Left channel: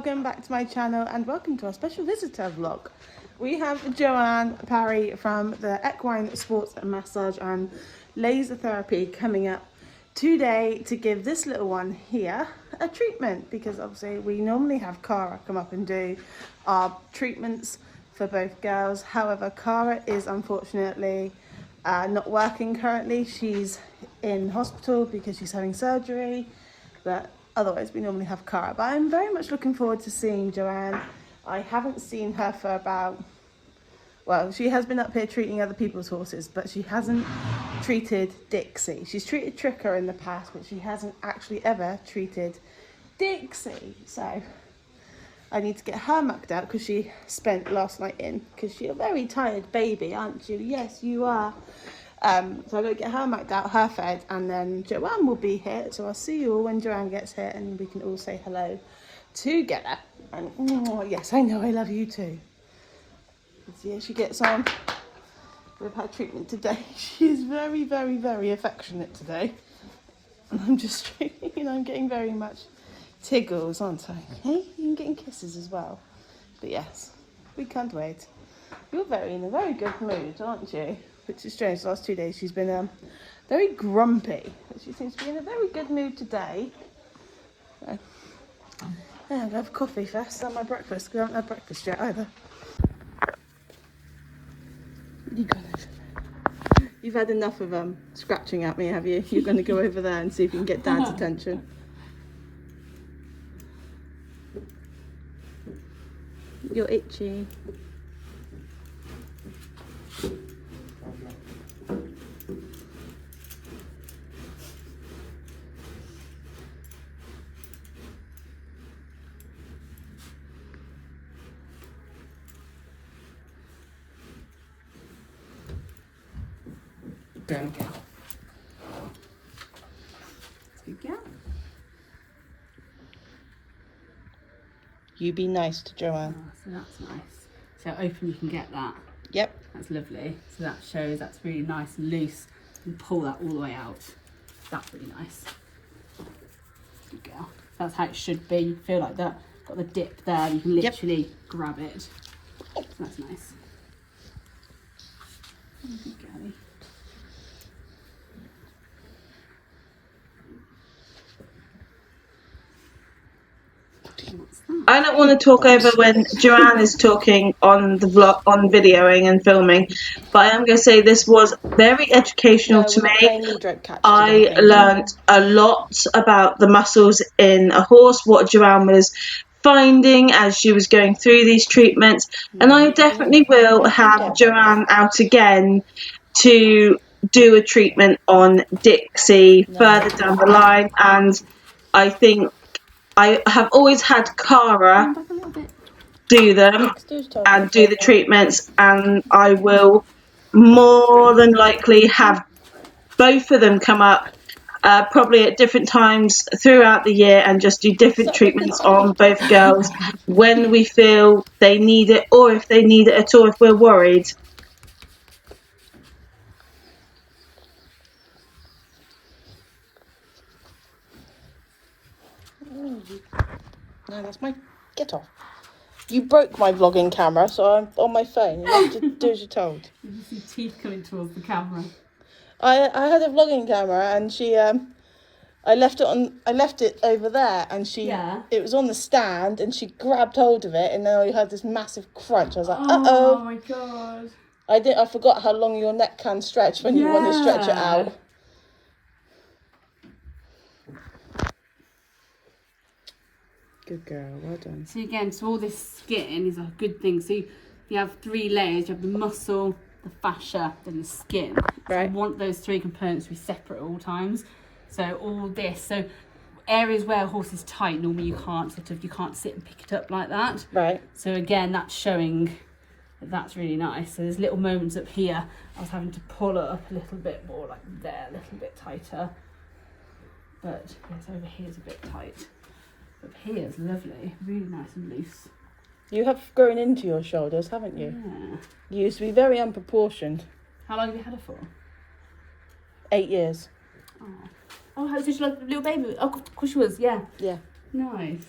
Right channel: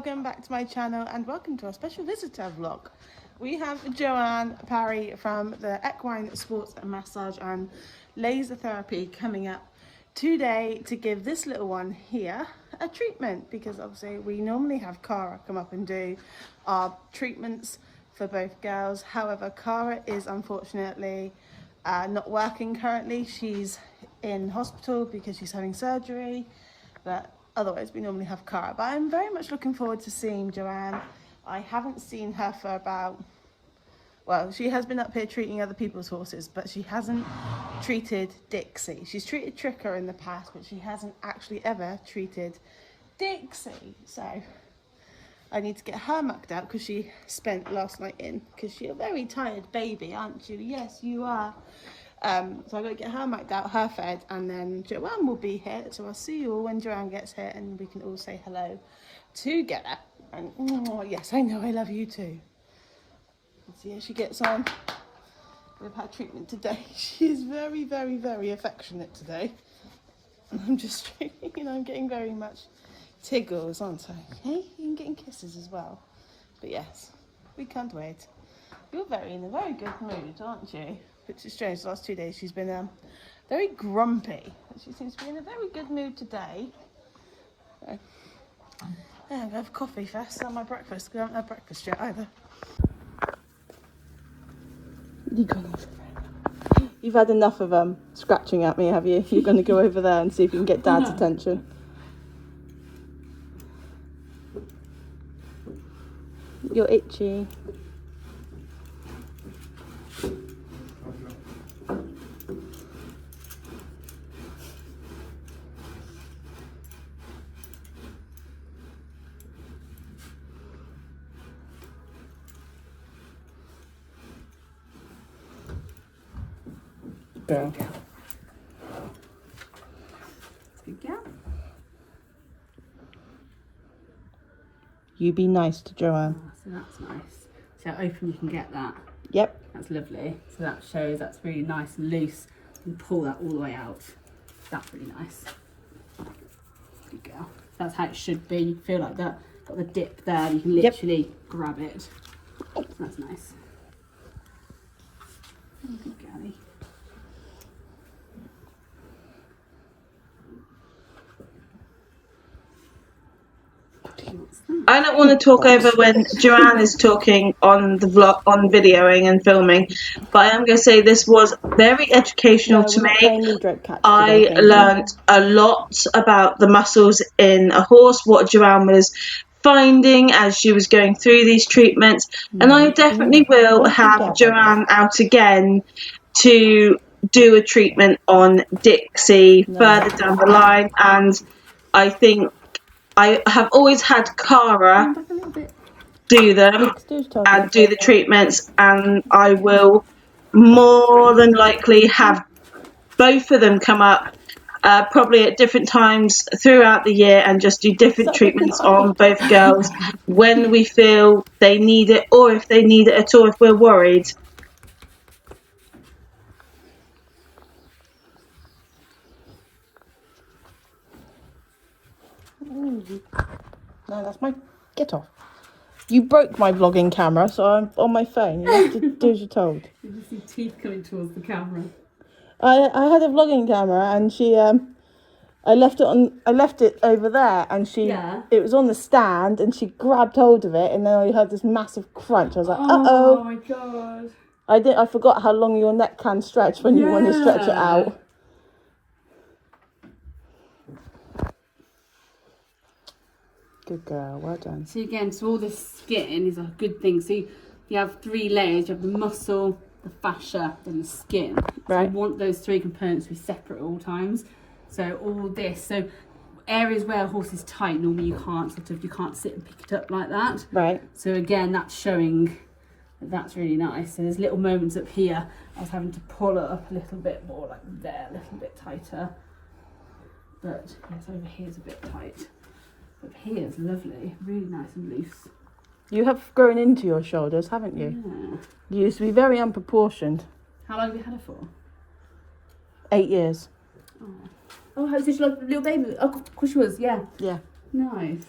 welcome back to my channel and welcome to our special visitor vlog. We have Joanne Perry from the Equine Sports and Massage and Laser Therapy coming up today to give this little one here a treatment, because obviously we normally have Cara come up and do our treatments for both girls. However, Cara is unfortunately not working currently. She's in hospital because she's having surgery, but otherwise we normally have Cara. But I'm very much looking forward to seeing Joanne. I haven't seen her for about, well, she has been up here treating other people's horses, but she hasn't treated Dixie. She's treated Tricker in the past, but she hasn't actually ever treated Dixie. So I need to get her mucked out because she spent last night in, because she's a very tired baby, aren't you? Yes, you are. So I'm going to get her mucked out, her fed, and then Joanne will be here. So I'll see you all when Joanne gets here and we can all say hello together. And oh, yes, I know, I love you too. Let's see how she gets on with her treatment today. She is very, very, very affectionate today. And I'm just treating, and I'm getting very much tiggles, aren't I? Hey, you're getting kisses as well. But yes, we can't wait. You're in a very good mood, aren't you? Which is strange. The last 2 days she's been very grumpy, but she seems to be in a very good mood today. So, yeah, I'm going to have coffee first on my breakfast, because I haven't had breakfast yet either. You've had enough of scratching at me, have you? You're going to go over there and see if you can get Dad's attention. You're itchy. Good girl. Good girl. You be nice to Joanne. Oh, so that's nice. So how open you can get that. Yep. That's lovely. So that shows that's really nice and loose. You can pull that all the way out. That's really nice. Good girl. That's how it should be. You feel like that. Got the dip there. You can literally grab it. So that's nice. Oh, good girlie. I don't want to talk over when Joanne is talking on the vlog, on videoing and filming, but I am going to say this was very educational to me. I learned a lot about the muscles in a horse, what Joanne was finding as she was going through these treatments, and I definitely will have Joanne out again to do a treatment on Dixie further down the line. And I think I have always had Cara do them and do the treatments, and I will more than likely have both of them come up probably at different times throughout the year and just do different treatments on both girls when we feel they need it, or if they need it at all, if we're worried. No, that's my... Get off. You broke my vlogging camera, so I'm on my phone. You have to do as you're told. You can see teeth coming towards the camera. I had a vlogging camera, and she I left it over there, and it was on the stand, and she grabbed hold of it, and then I heard this massive crunch. I was like, uh-oh. Oh my god. I forgot how long your neck can stretch when you want to stretch it out. Good girl, well done. So again, so all this skin is a good thing. So you have 3 layers. You have the muscle, the fascia, then the skin. So you want those 3 components to be separate at all times. So all this, so areas where a horse is tight, normally you can't sit and pick it up like that. Right. So again, that's showing that that's really nice. So there's little moments up here. I was having to pull it up a little bit more, like there, a little bit tighter. But yes, over here is a bit tight. Up here is lovely, really nice and loose. You have grown into your shoulders, haven't you? Yeah. You used to be very unproportioned. How long have you had her for? 8 years. Oh, how did she like a little baby? Oh, of course she was, yeah. Yeah. Nice.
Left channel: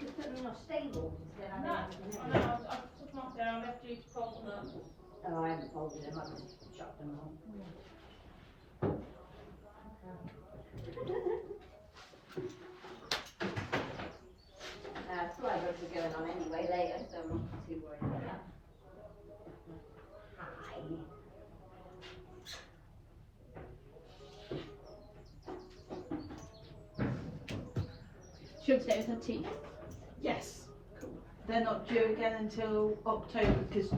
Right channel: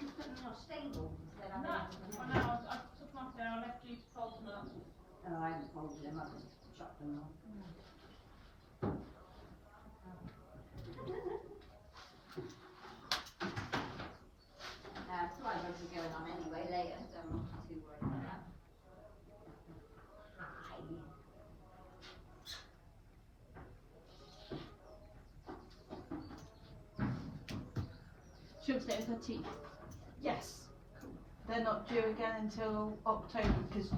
Just put them in a stable. No, I know. I took them off there. I left you to fold them up. Oh, I haven't folded them. I've just chucked them on. Fly rods are going on anyway later, so I'm not too worried about that. Hi. She'll stay with her teeth. Yes. They're not due again until October because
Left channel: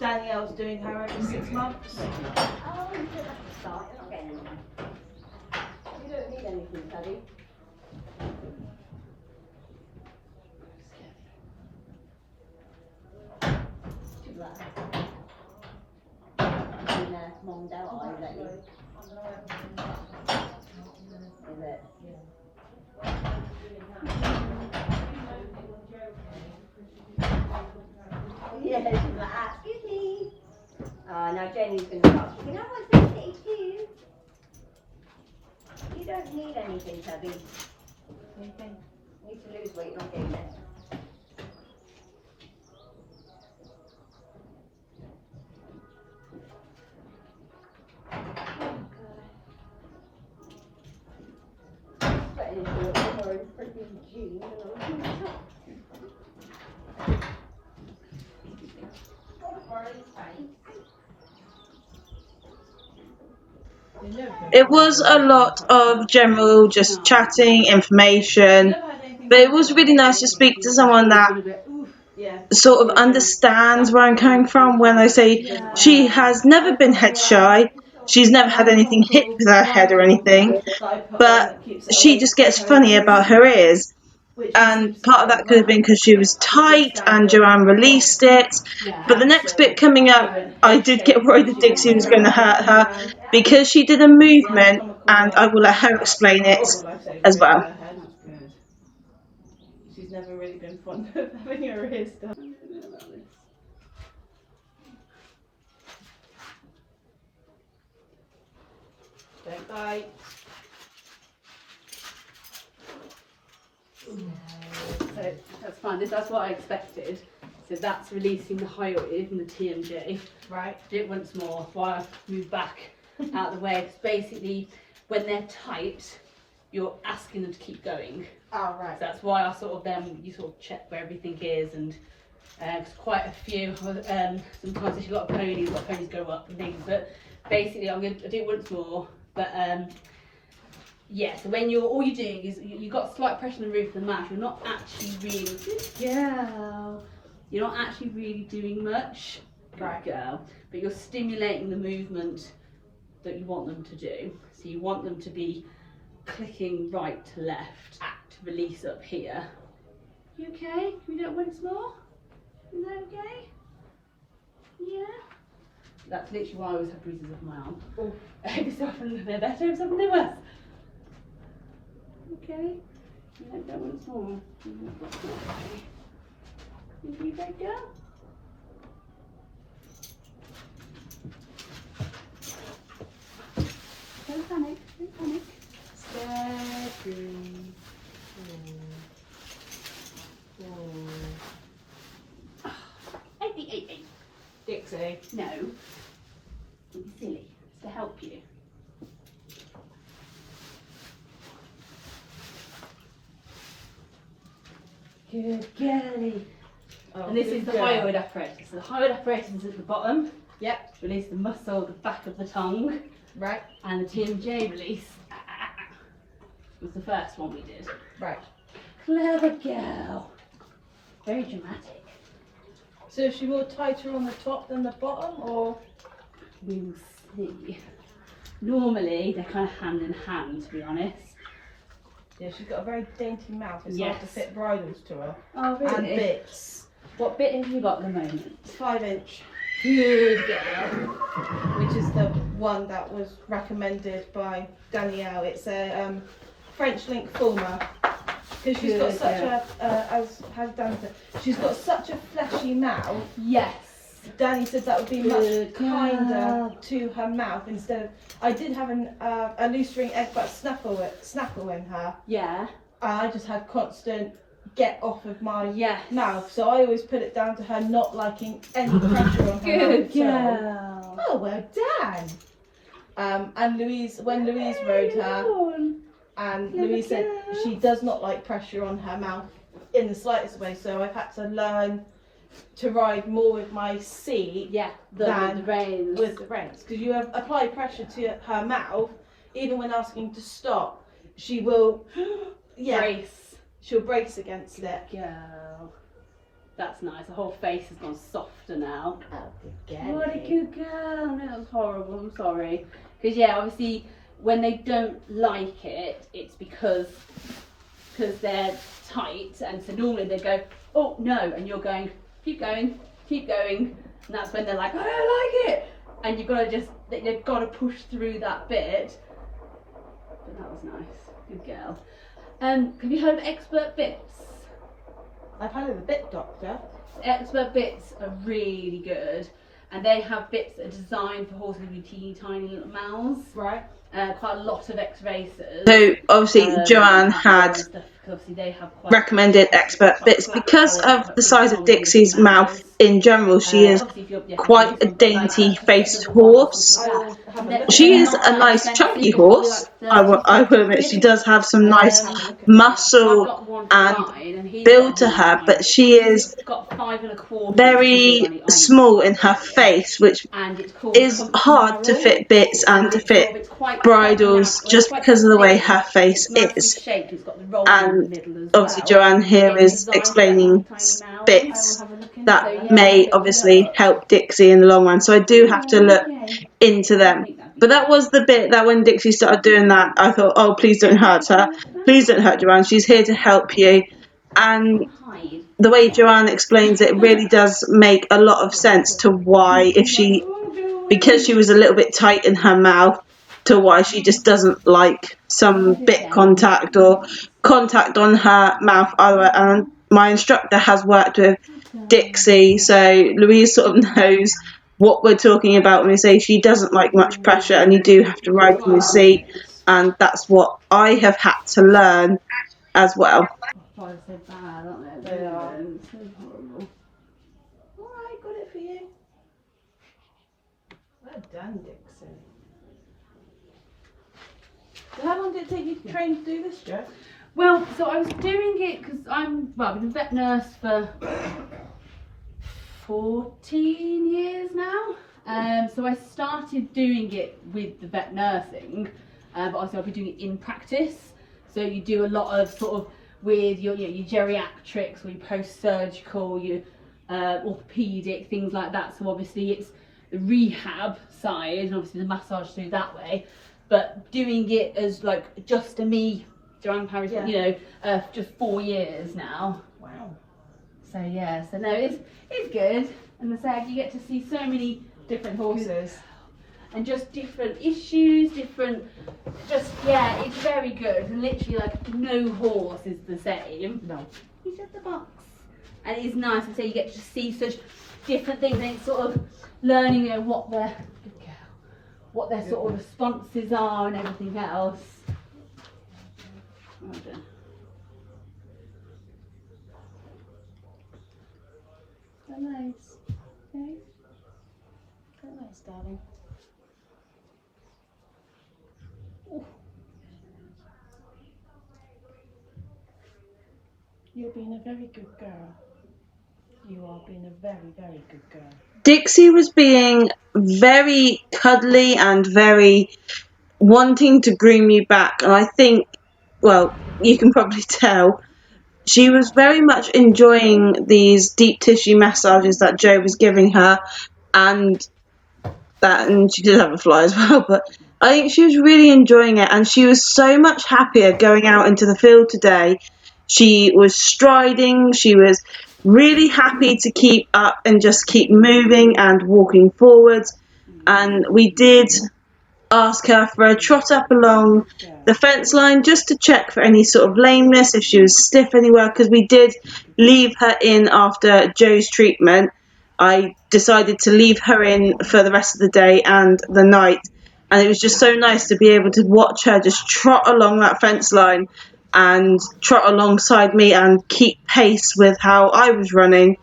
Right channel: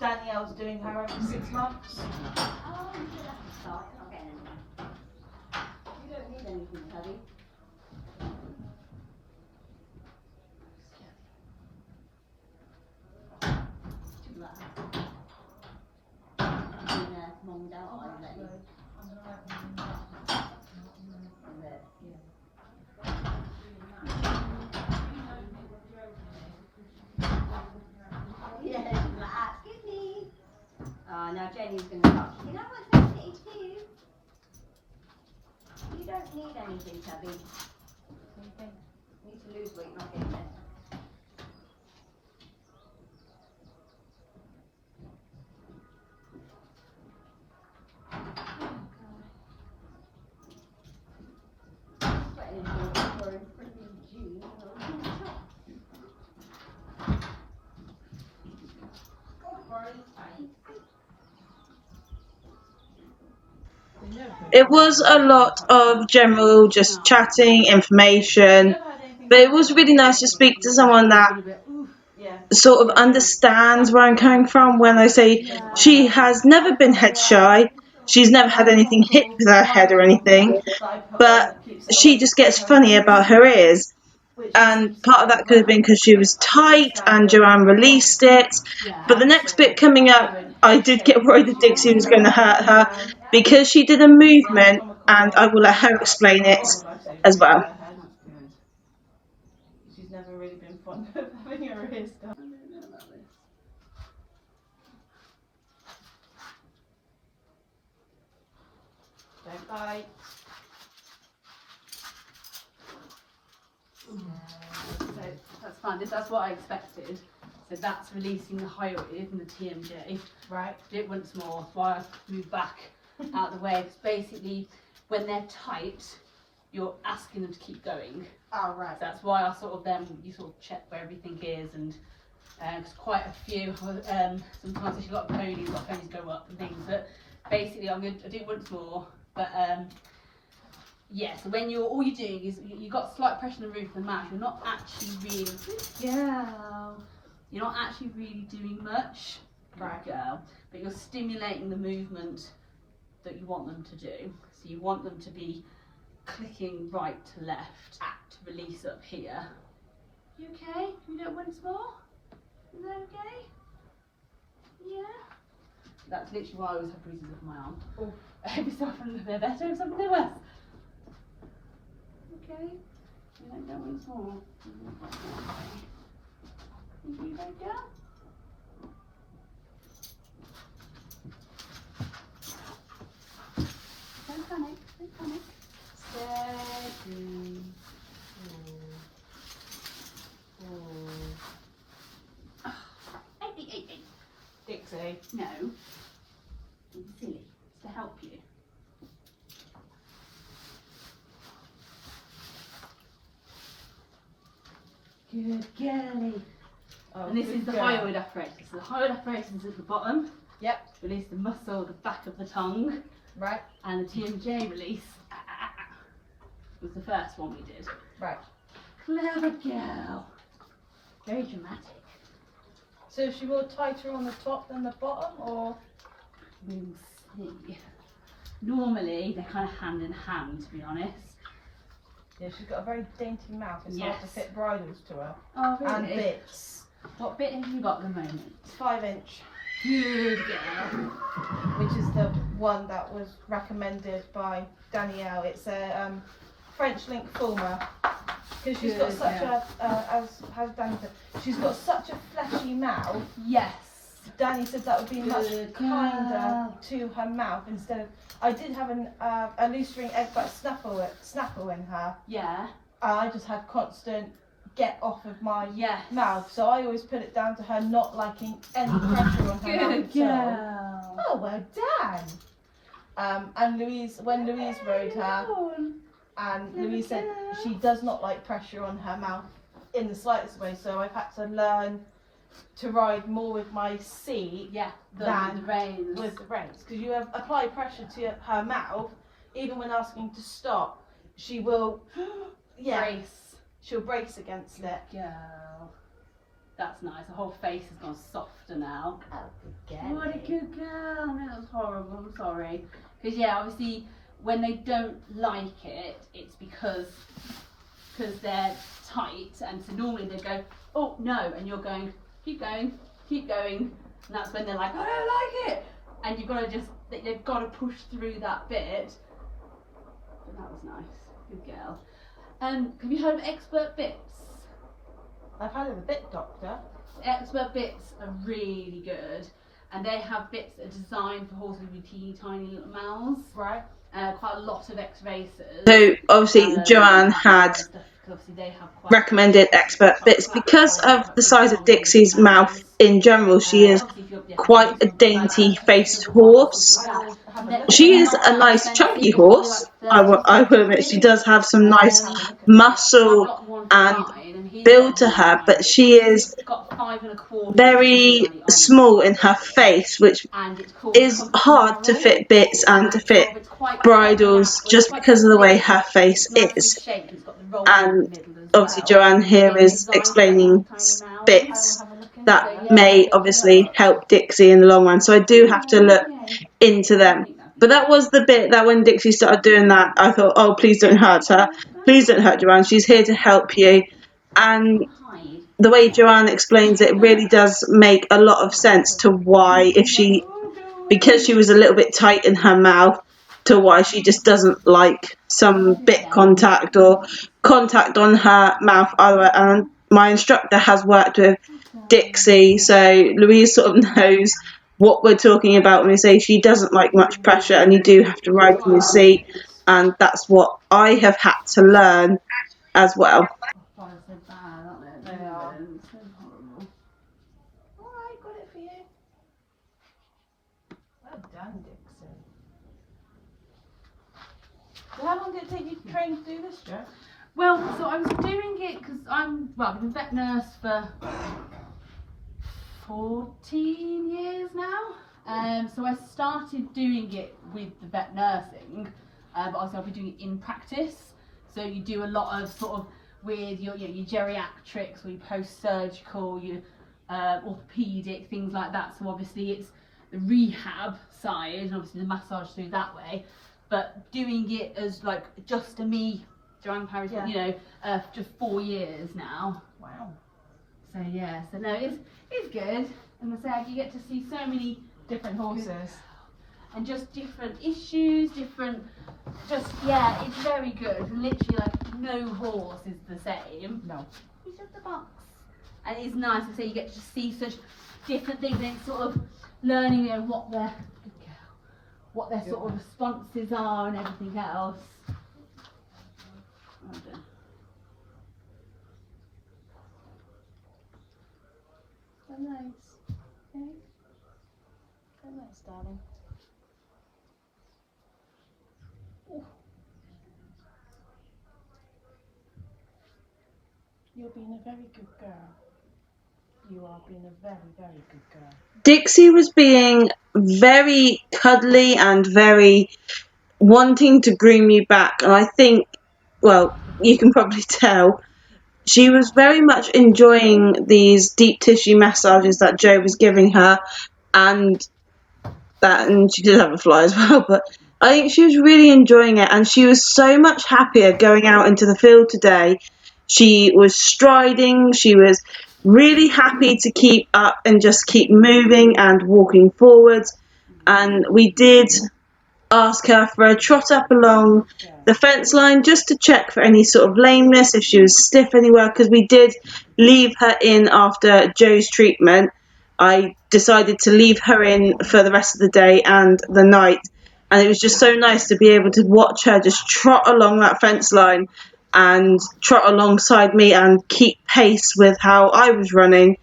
Danielle's doing her every 6 months. Oh, you don't have to start. You're not getting anything. You don't need anything, Teddy. Too bad. Mummed out, I let you. Is it? Yeah, she's like, excuse me. Now Jenny's going to start kicking. I want some tea too. You don't need anything, Tubby. You need to lose weight, not gain it. Sweating into it, I'm wearing freaking jeans and a top. It was a lot of general just chatting, information, but it was really nice to speak to someone that sort of understands where I'm coming from when I say she has never been head shy, she's never had anything hit with her head or anything, but she just gets funny about her ears. And part of that could have been because she was tight and Joanne released it. But the next bit coming up, I did get worried that Dixie was going to hurt her because she did a movement, and I will let her explain it as well. She's never really been fond of having her ears done. Don't bite. So that's fine. That's what I expected. So that's releasing the hyoid and the TMJ. Right. Did it once more while I move back out of the way. It's basically when they're tight, you're asking them to keep going. Oh, right. So that's why I sort of you sort of check where everything is, and there's quite a few. Sometimes if you've got ponies go up and things. But basically, I'm going to do it once more. But yeah, so when all you're doing is you've got slight pressure on the roof of the mouth. You're not actually really You're not actually really doing much, Right. girl. But you're stimulating the movement that you want them to do. So you want them to be clicking right to left, act, release up here. You okay? Can we do it once more? Is that okay? Yeah. That's literally why I always have bruises on my arm. Oh. Every so often they're better, every so often they're worse. Okay. Yeah, that one's more. You good girl? Don't panic, don't panic. Steady. Hey. Dixie. No. Don't be silly. It's to help you. Good girlie. Oh, And this is the girl. hyoid apparatus. So the hyoid apparatus is at the bottom. Yep. Release the muscle, the back of the tongue. Right. And the TMJ release was the first one we did. Right. Clever girl. Very dramatic. So is she more tighter on the top than the bottom, or? We'll see. Normally they're kind of hand in hand, to be honest. Yeah, she's got a very dainty mouth. It's hard to Yes. fit bridles to her. Oh And bits. What bit have you got at the moment? 5-inch. Good girl. Which is the one that was recommended by Danielle. It's a French link former. Because she's got Good, such yeah. how's Danny said? She's got such a fleshy mouth. Yes. Danny said that would be Good much kinder girl. to her mouth instead of. I did have a loose ring egg butt snaffle in her. Yeah. I just had constant get off of my Yes. mouth. So I always put it down to her not liking any pressure on her mouth. Good girl. Oh, well done. And when Louise rode her, and Louise said she does not like pressure on her mouth in the slightest way, so I've had to learn to ride more with my seat with the reins. With the reins, because you have apply pressure to her mouth, even when asking to stop, she will Brace. She'll brace against it. Girl. That's nice. The whole face has gone softer now. Oh, What a good girl. No, that was horrible. I'm sorry. Because obviously when they don't like it, it's because they're tight, and so normally they go, oh no, and you're going, keep going, and that's when they're like, I don't like it, and they've got to push through that bit. But that was nice. Good girl. Have you heard of Expert Bits? I've heard of the bit doctor. Expert Bits are really good, and they have bits that are designed for horses with teeny tiny little mouths. Right. Quite a lot of ex-racers. So obviously Joanne had recommended Expert Bits because of the size of Dixie's mouth in general. She is quite a dainty faced horse. She is a nice chunky horse. I will admit she does have some nice muscle and build to her, but she is very small in her face, which is hard to fit bits and to fit bridles just because of the way her face is. And obviously Joanne here is explaining bits that may obviously help Dixie in the long run, so I do have to look into them. But that was the bit that when Dixie started doing that, I thought, oh, please don't hurt her, please don't hurt Joanne, she's here to help you. And the way Joanne explains it really does make a lot of sense to why, because she was a little bit tight in her mouth, to why she just doesn't like some bit contact or contact on her mouth either. And my instructor has worked with Dixie, so Louise sort of knows what we're talking about when we say she doesn't like much pressure and you do have to ride from your seat, and that's what I have had to learn as well. They are. Alright, got it for you. Well done, Dixie. So how long did it take you to train to do this, Joe? Well, so I was doing it because I've been a vet nurse for 14 years now. So I started doing it with the vet nursing, but obviously I'll be doing it in practice. So you do a lot of sort of with your geriatrics or your post-surgical, your orthopedic, things like that. So obviously it's the rehab side, and obviously the massage through that way. But doing it as like just a me, Joanne Perry, just 4 years now. Wow. So no, it's good, and as I said, you get to see so many different horses, and just different issues, it's very good, and literally like no horse is the same. No. It's just a box, and it's nice to say you get to see such different things, and it's sort of learning what their sort of responses are and everything else. Nice. Okay. Very nice, darling. Ooh. You're being a very good girl. You are being a very, very good girl. Dixie was being very cuddly and very wanting to groom you back, and I think, well, you can probably tell, she was very much enjoying these deep tissue massages that Joe was giving her, and she did have a fly as well, but I think she was really enjoying it, and she was so much happier going out into the field today. She was striding, she was really happy to keep up and just keep moving and walking forwards, and we did ask her for a trot up along the fence line just to check for any sort of lameness, if she was stiff anywhere, because we did leave her in after Joe's treatment. I decided to leave her in for the rest of the day and the night, and it was just so nice to be able to watch her just trot along that fence line and trot alongside me and keep pace with how I was running.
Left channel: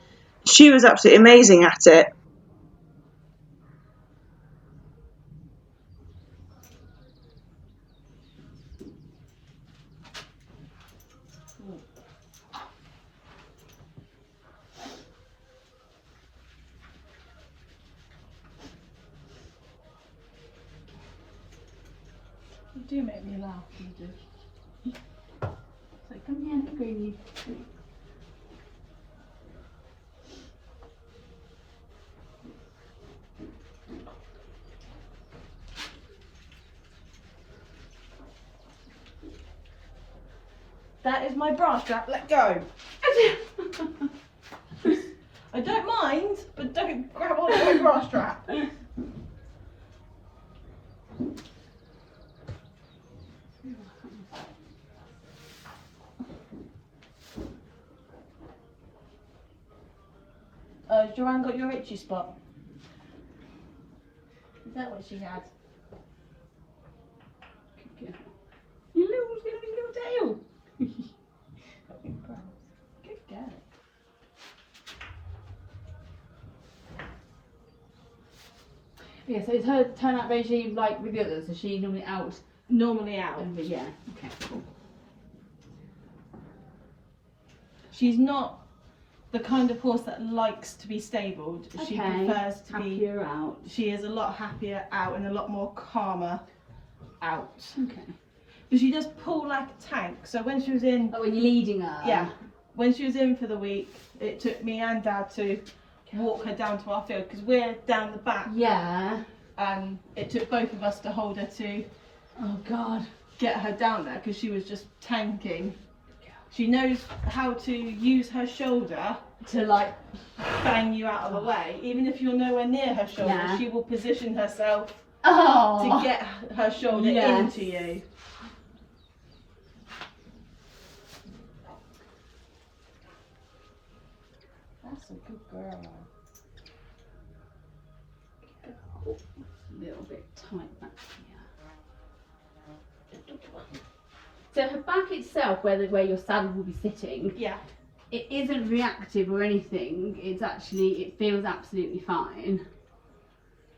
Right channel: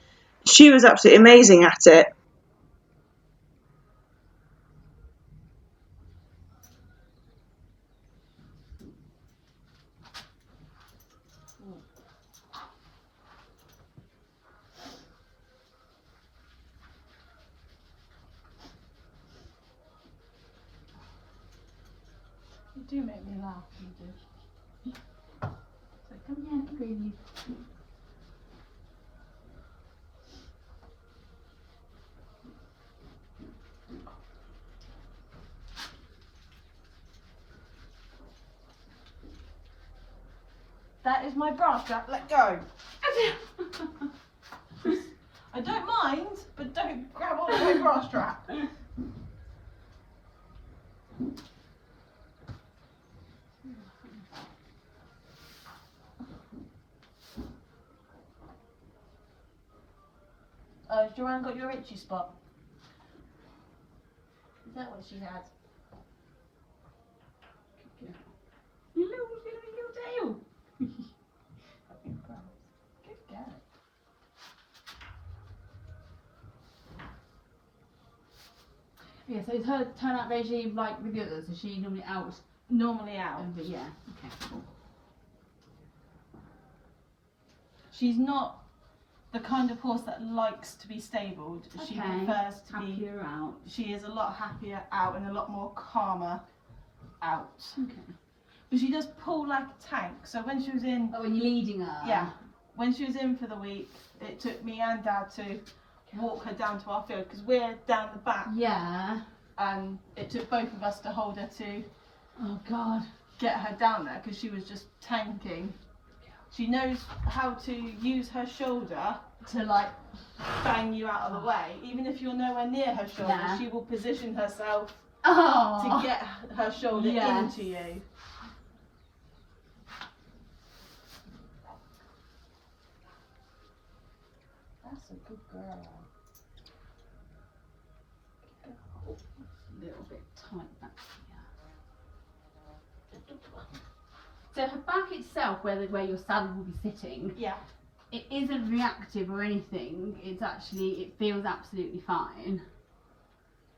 She was absolutely amazing at it. You do make me laugh, you do. So come here, Greenie. That is my bra strap. Let go. I don't mind, but don't grab hold of my bra strap. Joanne got your itchy spot. Is that what she had? You little tail. Good girl. Yeah, so is her turnout regime like with the others? Is she normally out? Normally out. Yeah, okay, cool. She's not the kind of horse that likes to be stabled. She Okay. prefers to be. Happier out. She is a lot happier out and a lot more calmer out. Okay. But she does pull like a tank. So when she was in, Oh, when you're leading her? yeah, when she was in for the week, it took me and Dad to walk her down to our field because we're down the back, Yeah. and it took both of us to hold her to Oh, God. get her down there because she was just tanking. She knows how to use her shoulder To like. bang you out of the way. Even if you're nowhere near her shoulder, Yeah. she will position herself Oh. to get her shoulder Yes. into you. That's a good girl. A little bit tight back here. So her back itself, where your saddle will be sitting, Yeah. it isn't reactive or anything. It's actually, it feels absolutely fine,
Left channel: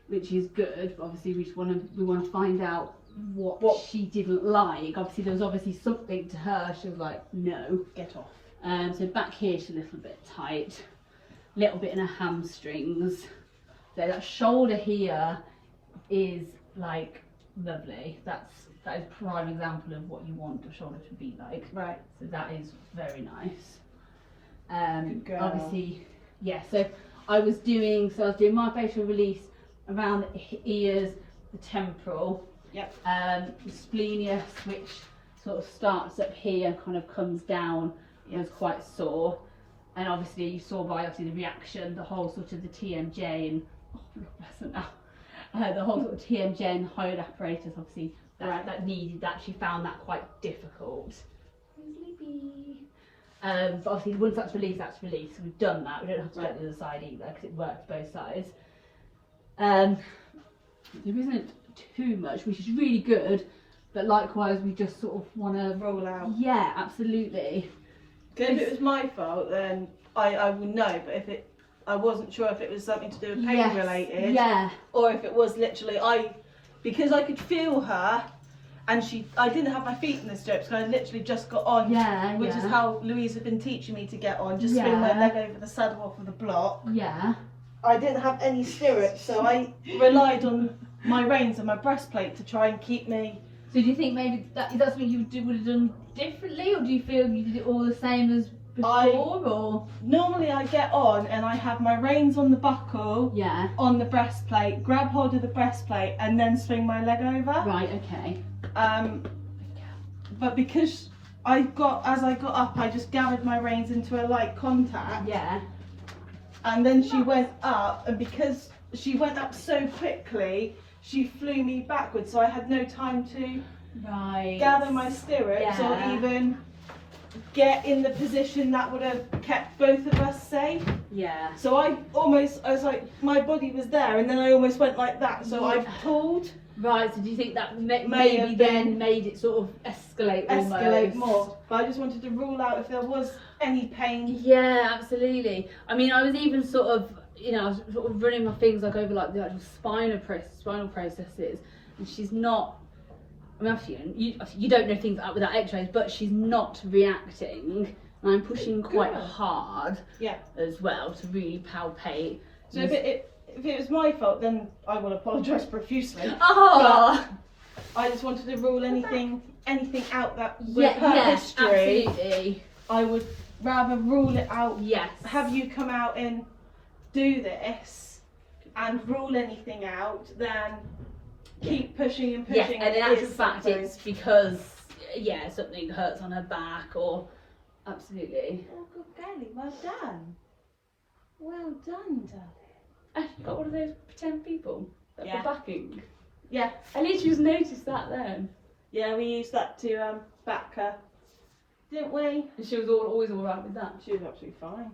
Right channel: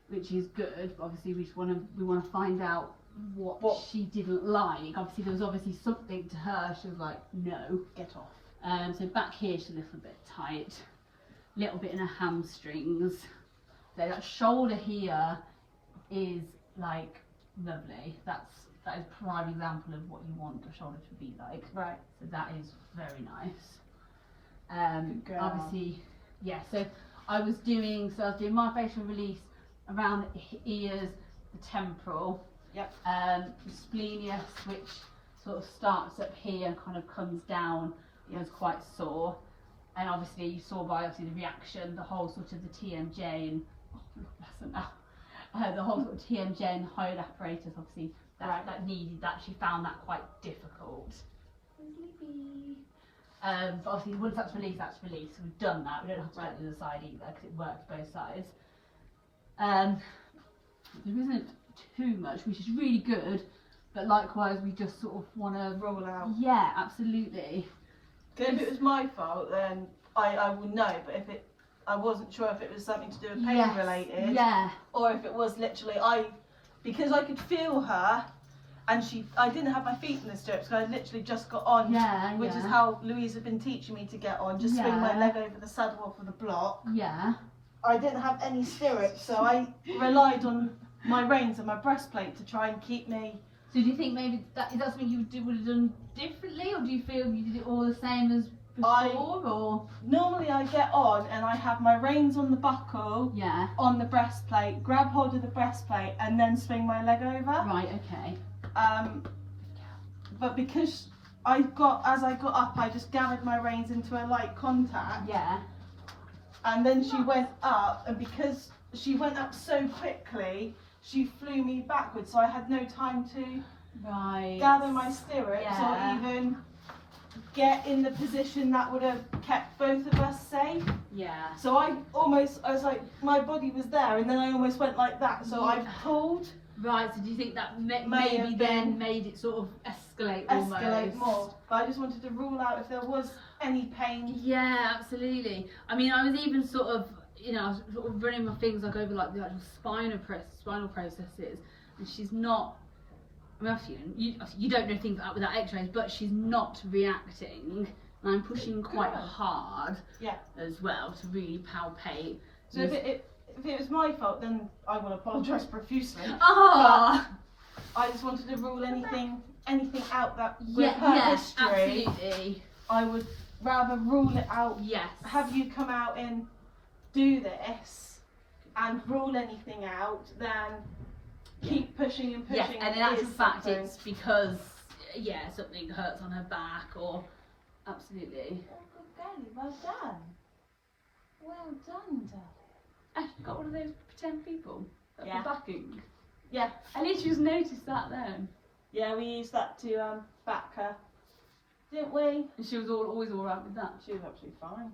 which is good. But obviously, we want to find out what she didn't like. Obviously, there was obviously something to her. She was like, no. Get off. So back here, she's a little bit tight, little bit in her hamstrings. So that shoulder here is like lovely. That is a prime example of what you want a shoulder to be like. Right. So that is very nice. Good girl. Obviously, yeah. So I was doing myofascial release around the ears, the temporal. Yep. The splenius, which sort of starts up here and kind of comes down, was quite sore. And obviously you saw by the reaction, the whole sort of the TMJ and the whole sort of TMJ and hyoid apparatus, obviously that needed that. She found that quite difficult. But obviously once that's released, So we've done that. We don't have to do it the other side either because it works both sides. There isn't too much, which is really good. But likewise, we just sort of want to Roll out. Yeah, absolutely. If it was my fault, then I will know. But I wasn't sure if it was something to do with pain related, Yeah. or if it was literally because I could feel her, and I didn't have my feet in the stirrups, so I literally just got on. Yeah. Which is how Louise had been teaching me to get on. Just swing my leg over the saddle off of the block. Yeah. I didn't have any stirrups, so I relied on my reins and my breastplate to try and keep me. So do you think maybe is that something you would have done differently, or do you feel you did it all the same as before? Or Normally I get on and I have my reins on the buckle, yeah. on the breastplate, grab hold of the breastplate and then swing my leg over. Right. Okay. But because as I got up, I just gathered my reins into a light contact. Yeah. And then she went up, and because she went up so quickly, she flew me backwards, so I had no time to gather my stirrups or even get in the position that would have kept both of us safe. Yeah. So I was like, my body was there, and then I almost went like that. So I pulled, Right, so do you think that May maybe have then been- made it sort of escalate escalate almost? more. But I just wanted to rule out if there was any pain. Yeah, absolutely. I mean, I was even sort of, you know, I was sort of running my fingers like over like the actual spinal processes, and she's not. I mean, you don't know things like that without X-rays, but she's not reacting, and I'm pushing quite Good. hard. Yeah. As well to really palpate. So if it was my fault, then I will apologise profusely. Oh. But I just wanted to rule anything out that with her history. Absolutely. I would rather rule it out. Yes. Have you come out and do this and rule anything out, then keep pushing and pushing. Yes, and in actual fact, it's because something hurts on her back or absolutely. Oh, good girlie, well done. Well done, darling. You've got one of those pretend people that Yeah. for backing. Yeah. At least you just noticed that then. Yeah, we used that to back her, didn't we? And she was always all right with that. She was absolutely fine.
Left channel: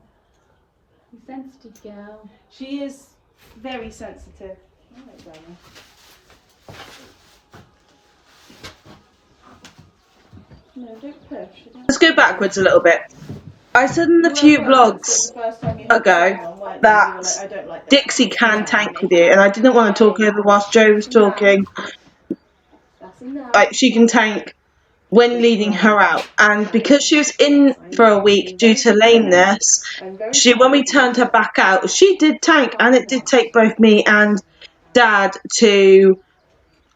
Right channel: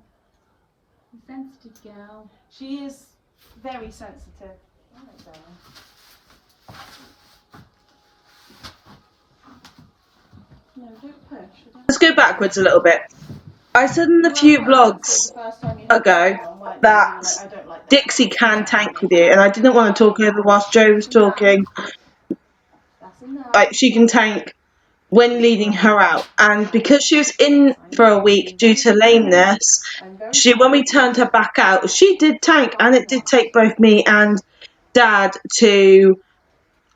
You sensitive girl. She is very sensitive. Oh, darling. No, don't push. Let's go backwards a little bit. I said in a few vlogs ago that Dixie can tank with you, and I didn't want to talk over whilst Joe was talking. Like, she can tank when leading her out, and because she was in for a week due to lameness, when we turned her back out, she did tank, and it did take both me and Dad to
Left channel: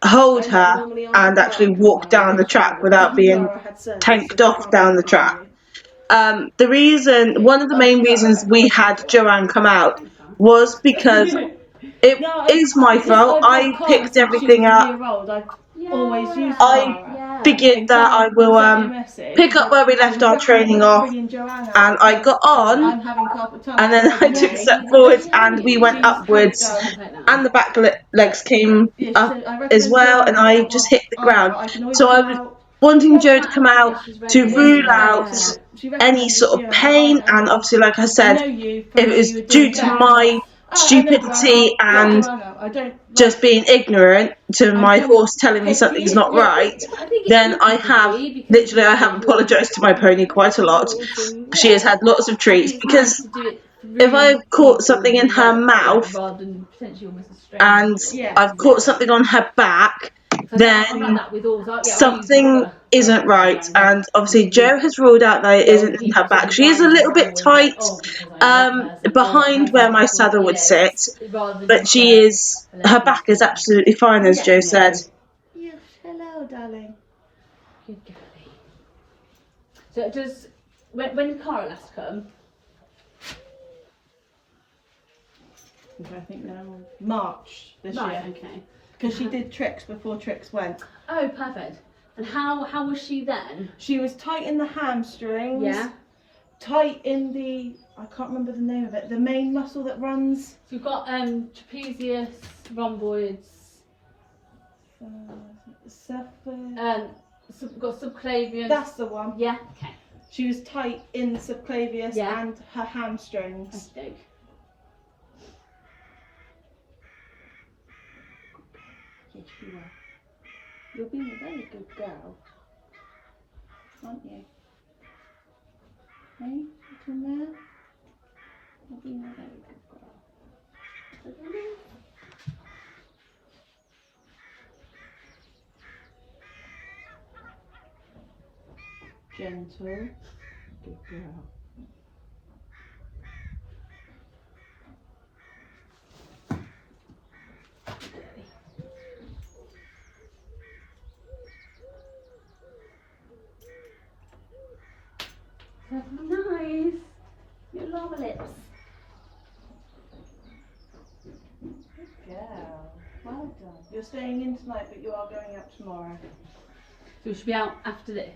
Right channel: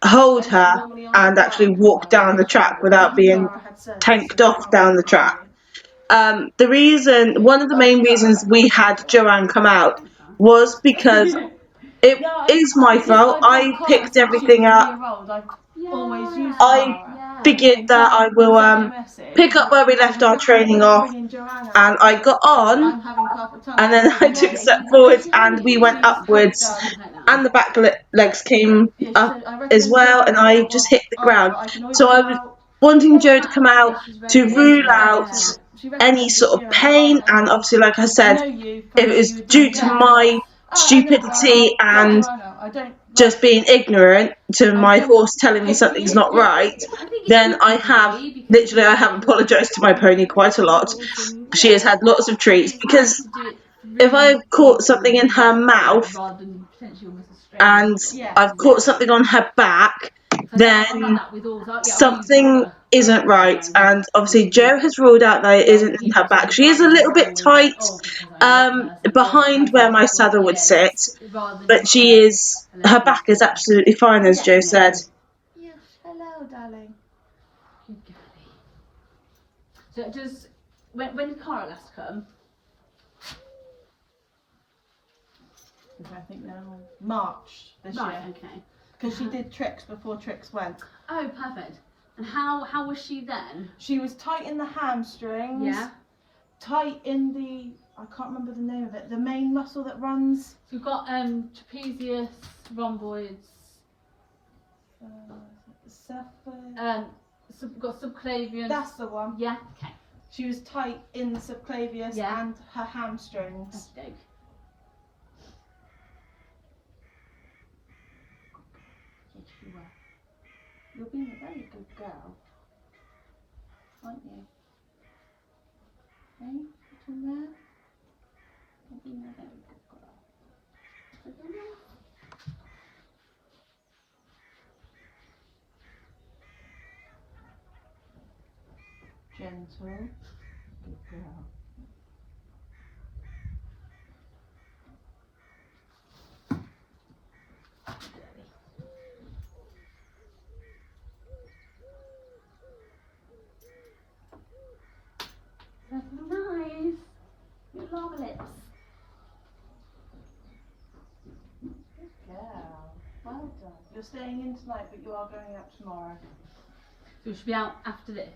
hold her and actually walk down the track without being tanked off down the track. One of the main reasons we had Joanne come out was because it is my fault. I picked everything up. I figured that I will pick up where we left our training off, and I got on, and then I took a step forwards, and we went upwards, and the back legs came up as well, and I just hit the ground. So I was wanting Joe to come out to rule out any sort of pain, and obviously, like I said, if it was due to my stupidity and just being ignorant to my horse telling me something's not right, then I have apologised to my pony quite a lot. She has had lots of treats, because if I've caught something in her mouth and I've caught something on her back, then something isn't right. And obviously Joe has ruled out that it isn't in her back. She is a little bit tight behind where my saddle would sit, but her back is absolutely fine, as Joe said. Yes, hello, darling. Good girlie. So it does, when did Cara last come? I think now March this year. Okay. Because she did tricks before tricks went. Oh, perfect. And how was she then? She was tight in the hamstrings. Yeah. Tight in the, I can't remember the name of it, the main muscle that runs. So you've got trapezius, rhomboids. We've got subclavius. That's the one. Yeah. Okay. She was tight in the subclavius and her hamstrings. Okay. You'll be a very good girl, aren't you? Hey, in there? You'll be a very good girl. Gentle, good girl. Nice. Your lava lips. Good girl. Well done. You're staying in tonight, but you are going out tomorrow. So we should be out after this.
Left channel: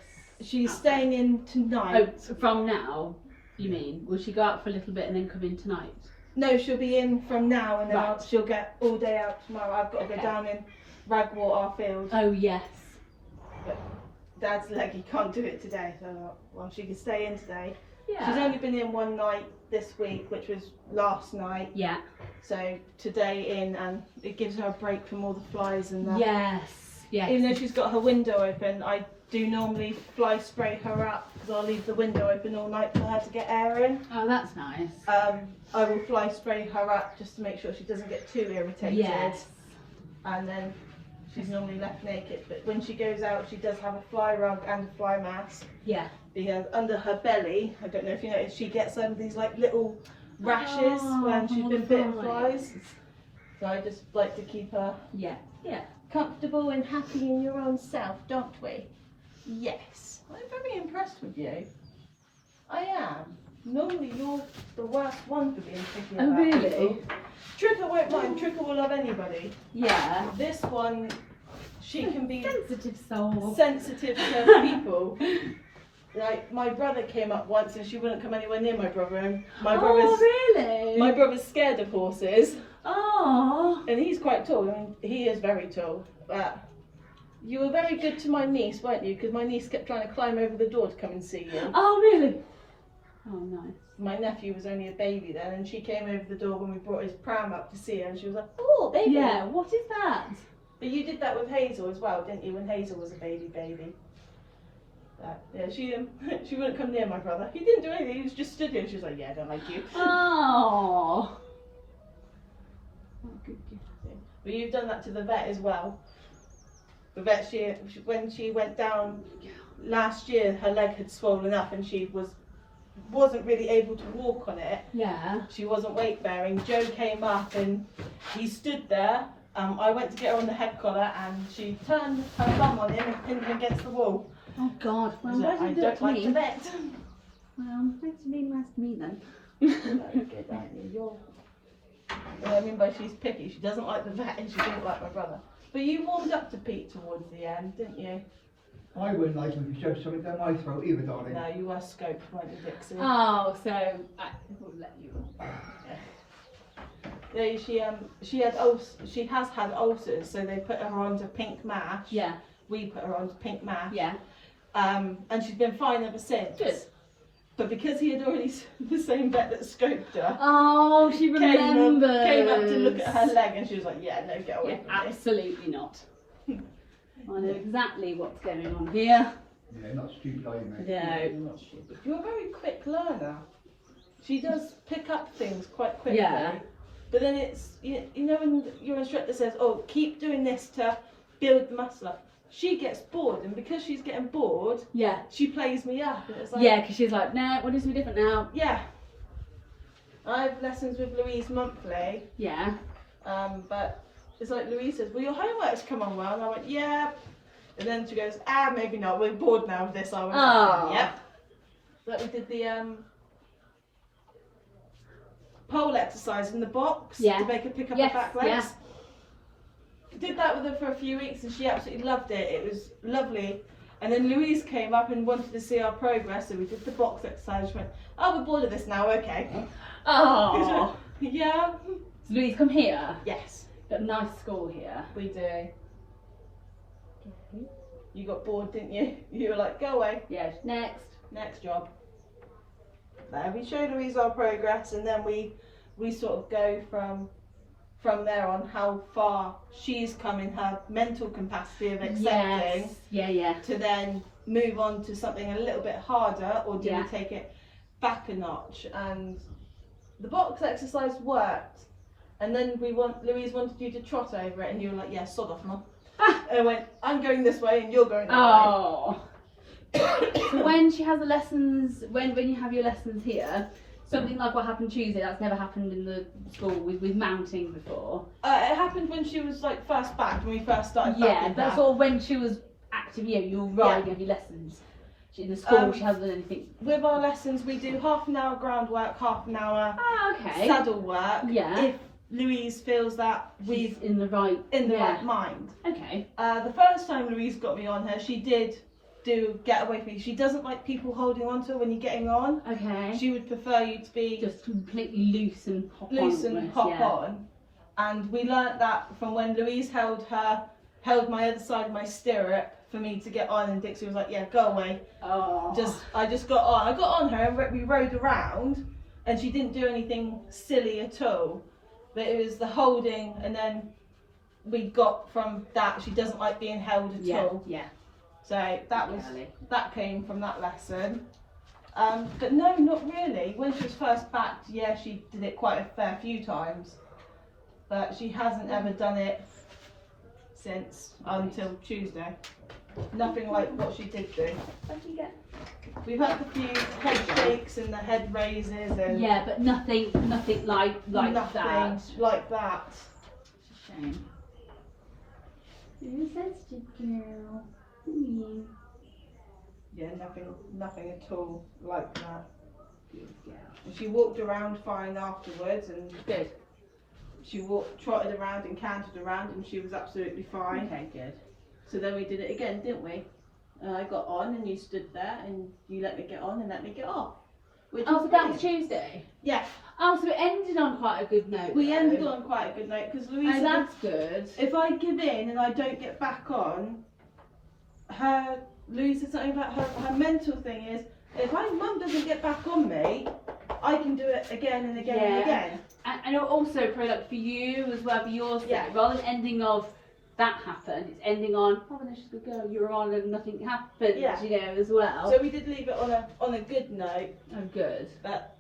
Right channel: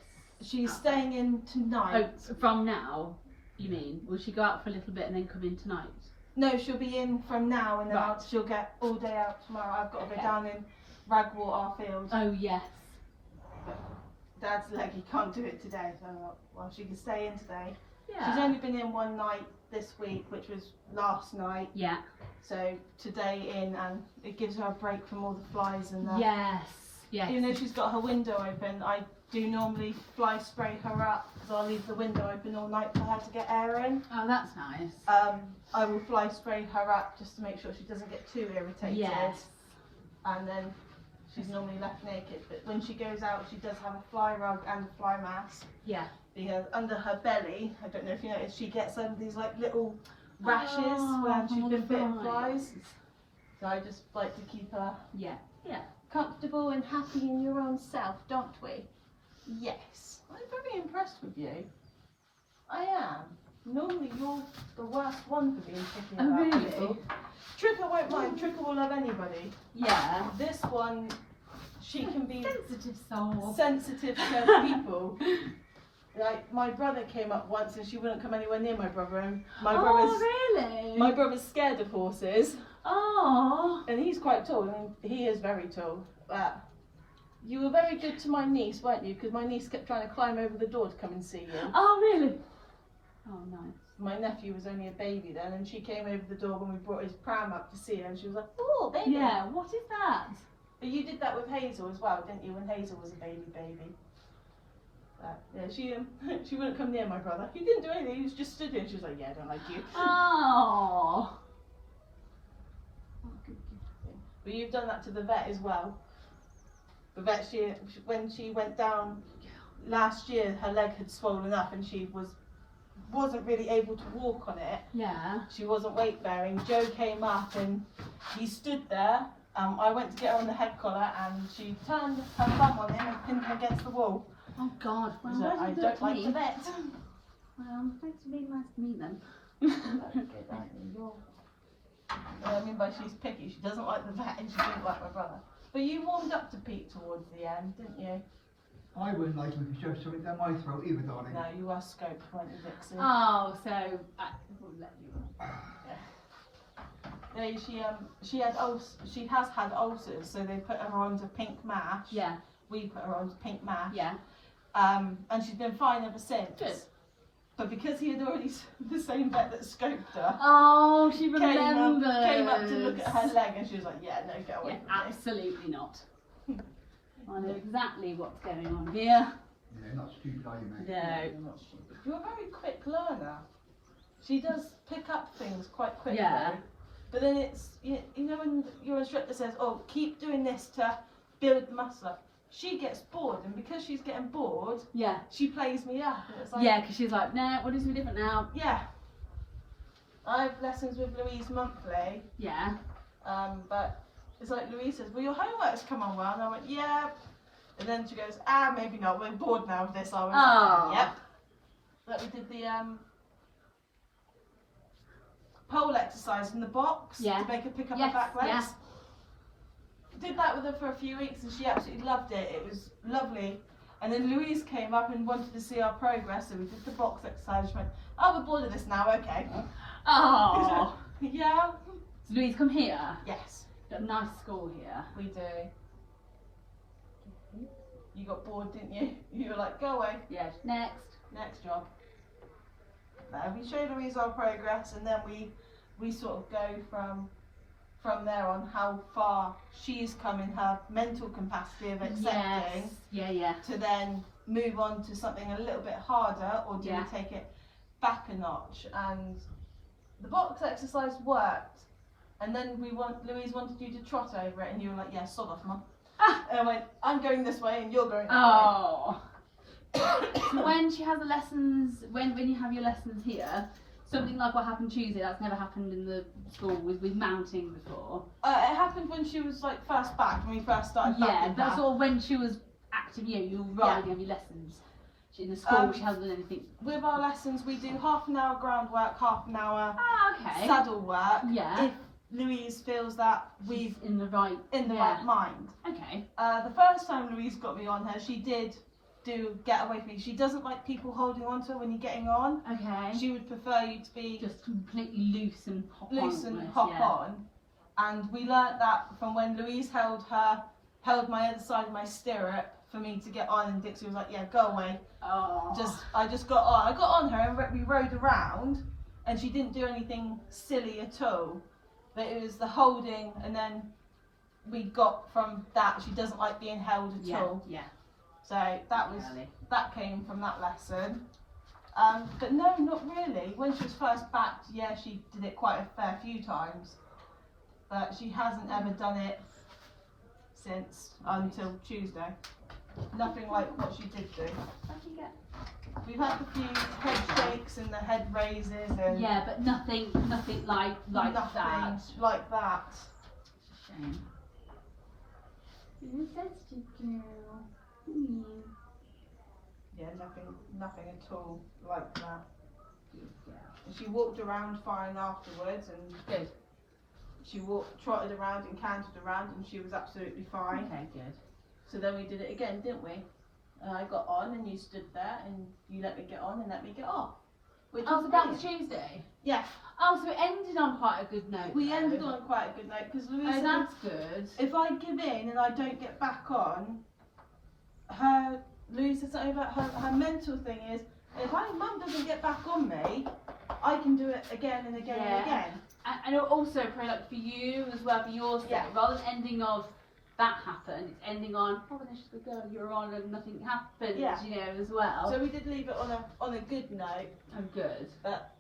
She's staying in tonight. Oh, so from now, you mean? Will she go out for a little bit and then come in tonight? No, she'll be in from now, and then Right. she'll get all day out tomorrow. I've got to go down in Ragwort, our field. Oh, yes. But Dad's leg, he can't do it today, so well, she can stay in today. Yeah. She's only been in one night this week, which was last night. Yeah. So today in, and it gives her a break from all the flies and that. Yes. Yes. Even though she's got her window open, I do normally fly spray her up because I'll leave the window open all night for her to get air in. Oh, that's nice. I will fly spray her up just to make sure she doesn't get too irritated. Yes. And then she's normally left naked. But when she goes out, she does have a fly rug and a fly mask. Yeah. Because under her belly, I don't know if you noticed, she gets these like little rashes when she's been bitten by flies. So I just like to keep her Yeah. Yeah. comfortable and happy in your own self, don't we? Yes. I'm very impressed with you. I am. Normally you're the worst one for being picky Oh, about really? people. Tricker won't mind. Tricker will love anybody. Yeah. This one, she can be Sensitive soul. sensitive to people. Like my brother came up once and she wouldn't come anywhere near my brother. And my really? my brother's scared of horses, Oh. and he's quite tall. I mean, he is very tall. But you were very good to my niece, weren't you? Because my niece kept trying to climb over the door to come and see you. Oh, really? Oh, nice. My nephew was only a baby then, and she came over the door when we brought his pram up to see her, and she was like, "Oh, baby." Yeah. What is that? But you did that with Hazel as well, didn't you? When Hazel was a baby. But, yeah, she wouldn't come near my brother. He didn't do anything. He was just stood there, and she was like, "Yeah, I don't like you." Oh. But you've done that to the vet as well. The vet, when she went down last year, her leg had swollen up, and she wasn't really able to walk on it. Yeah. She wasn't weight bearing. Joe came up and he stood there. I went to get her on the head collar, and she turned her bum on him and pinned him against the wall. Oh, God. Well, So why I did you do it don't to like me? the vet. Well, thanks for being nice to me then. That's good, aren't you? What I mean by she's picky, she doesn't like the vet and she didn't like my brother. But you warmed up to Pete towards the end, didn't you? I wouldn't like him if he shoved something down my throat either, darling. No, you were scoped, weren't you, Dixie? Oh, so I will let you. Yeah, she has had ulcers, so they put her onto pink mash. Yeah. We put her onto pink mash. Yeah. And she's been fine ever since. Good. But because he had already, the same vet that scoped her, Oh, she remembers. came up to look at her leg, and she was like, "Yeah, no, get away Yeah, from me." absolutely not. I know exactly what's going on here. Yeah, not stupid, are you, mate? No. You're a very quick learner. She does pick up things quite quickly. Yeah. But then it's, you know when your instructor says, "Oh, keep doing this to build the muscle up," she gets bored, and because she's getting bored, Yeah. she plays me up, and it's like, Yeah, because she's like, no, we'll do something different now. yeah. I have lessons with Louise monthly, Yeah. but it's like Louise says, "Well, your homework's come on well," and I went, "Yeah," and then she goes, "Maybe not. We're bored now with this." I went, Oh. "Yep." But we did the pole exercise in the box Yeah. to make her pick up Yes, her back legs. yeah. Did that with her for a few weeks, and she absolutely loved it. It was lovely. And then Louise came up and wanted to see our progress, so we did the box exercise. She went, "Oh, we're bored of this now, okay." Oh. Yeah. So Louise, come here. Yes, Got a nice school here. we do. You got bored, didn't you? You were like, "Go away, Yeah. Next. next job." There, we show Louise our progress, and then we sort of go from there on how far she's come in her mental capacity of accepting. Yes. Yeah. Yeah. To then move on to something a little bit harder, or do Yeah. we take it back a notch? And the box exercise worked, and then Louise wanted you to trot over it, and you were like, "Yeah, sod off, Mum." And I went, "I'm going this way, and you're going that Oh. So when she has the lessons, when you have your lessons here, something like what happened Tuesday, that's never happened in the school with mounting before. way." It happened when she was like first back, when we first started. Yeah, back in that's that. all when she was active. Yeah, you were riding on your lessons. In the school, she hasn't done anything. With our lessons, we do half an hour groundwork, half an hour Ah, okay. saddle work. Yeah. If Louise feels that we've She's in the right. in the yeah. right mind. Okay. The first time Louise got me on her, she did get away from me. She doesn't like people holding on to her when you're getting on. Okay. She would prefer you to be Just completely loose and hop on. loose and almost, hop yeah. on. And we learnt that from when Louise held my other side of my stirrup for me to get on, and Dixie was like, yeah, go away. Oh. I just got on. I got on her and we rode around, and she didn't do anything silly at all. But it was the holding, and then we got from that she doesn't like being held at all. Yeah. So that came from that lesson. But no, not really. When she was first backed, yeah, she did it quite a fair few times, but she hasn't ever done it since until Tuesday. Nothing like what she did do. We've had a few head shakes and the head raises and yeah, but nothing like nothing that. like that. It's a shame. You're a sensitive girl. Yeah, nothing at all like that. She walked around fine afterwards, and Good. she trotted around and cantered around, and she was absolutely fine. Okay, good. So then we did it again, didn't we? And I got on, and you stood there, and you let me get on and let me get off. So that was Tuesday? Yeah. Oh, so it ended on quite a good note. We ended on quite a good note, because Louisa, that's good. if I give in and I don't get back on, Louisa said something about her mental thing is, if my mum doesn't get back on me, I can do it again and again and again. And also probably like for you as well, for yours, rather than ending of that happened, it's ending on, oh, then she's a good girl, you're on and nothing happened, you know, as well. So we did leave it on a good note. Oh, good. But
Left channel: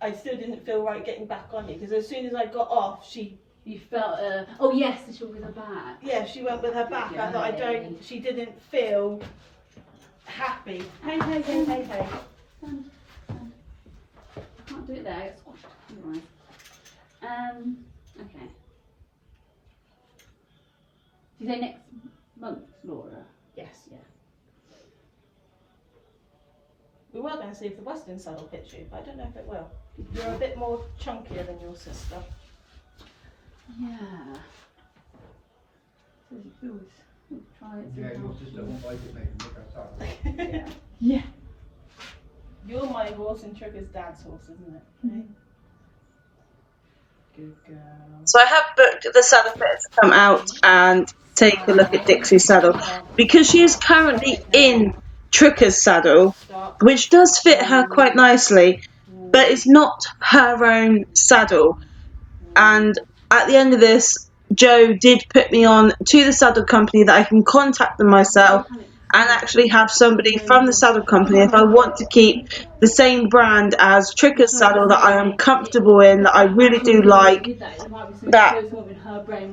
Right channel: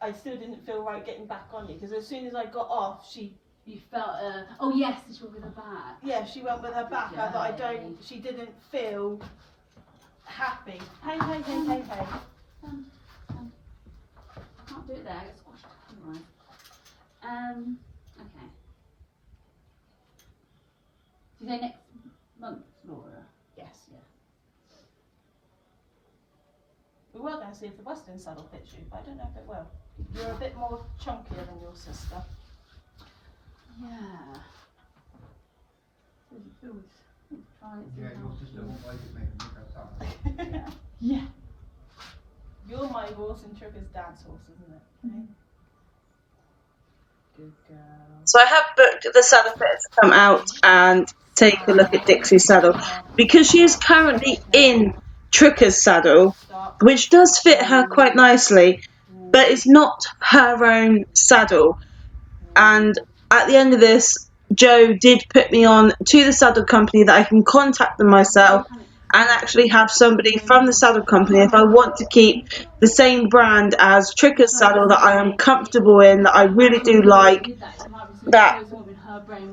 I still didn't feel right getting back on you, because as soon as I got off, you felt, oh yes, she went with her back. Yeah, she went with her back. I thought she didn't feel happy. Hey. Come. I can't do it there, I get squashed. Right. Okay. You say next month, Laura? Yes. Yeah. We were going to see if the Western saddle fits you, but I don't know if it will. You're a bit more chunkier than your sister. Yeah. Try it. Yeah, your sister won't like it, mate, and look outside. Yeah. You're my horse and Trigger's dad's horse, isn't it? Okay. Good girl. So I have booked the saddle fitter to come out and take a look at Dixie's saddle, because she is currently in Tricker's saddle, which does fit her quite nicely, but it's not her own saddle. And at the end of this, Joe did put me on to the saddle company that I can contact them myself and actually have somebody from the saddle company, if I want to keep the same brand as Tricker's saddle that I am comfortable in, that I really do like, that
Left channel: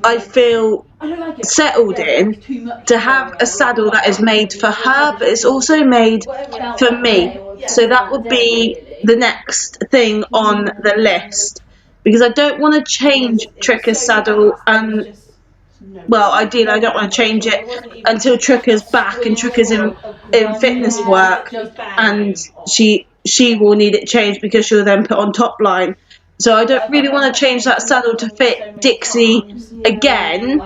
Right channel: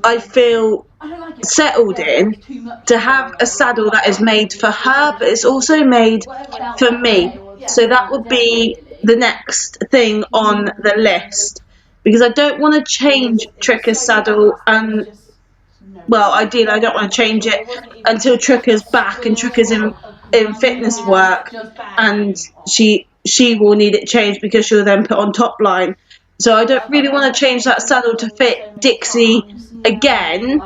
I feel settled in, to have a saddle that is made for her, but it's also made for me. So that would be the next thing on the list, because I don't want to change Tricker's saddle, and well, ideally I don't want to change it until Tricker's back and Tricker's in fitness work, and she will need it changed, because she'll then put on top line. So I don't really want to change that saddle to fit Dixie again,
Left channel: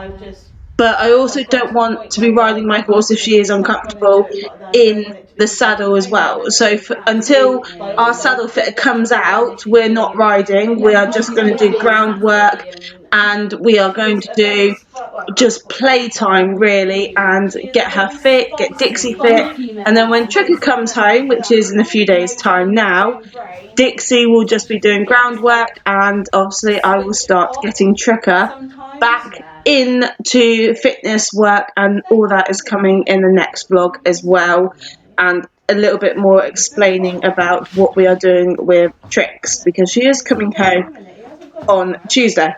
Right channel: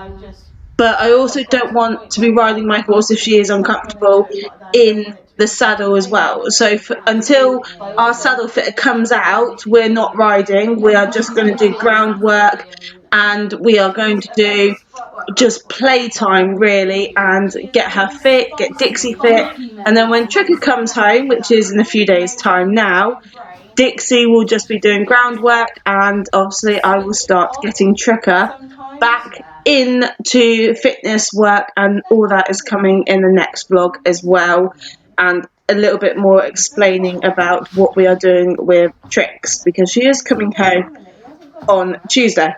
but I also don't want to be riding my horse if she is uncomfortable in the saddle as well. So until our saddle fitter comes out, we're not riding. We are just going to do groundwork, and we are going to do just playtime really, and get her fit, get Dixie fit, and then when Tricker comes home, which is in a few days time now, Dixie will just be doing groundwork, and obviously I will start getting Tricker back into fitness work, and all that is coming in the next vlog as well, and a little bit more explaining about what we are doing with Trix, because she is coming home on Tuesday.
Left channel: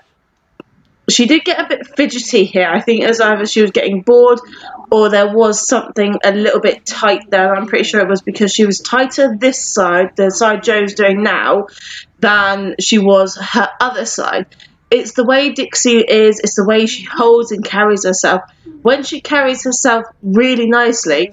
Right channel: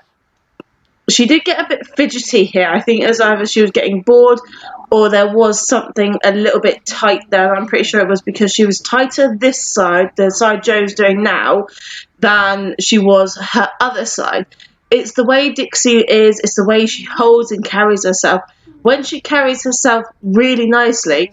She did get a bit fidgety here. I think it was either she was getting bored or there was something a little bit tight there. I'm pretty sure it was because she was tighter this side, the side Joe's doing now, than she was her other side. It's the way Dixie is, it's the way she holds and carries herself. When she carries herself really nicely,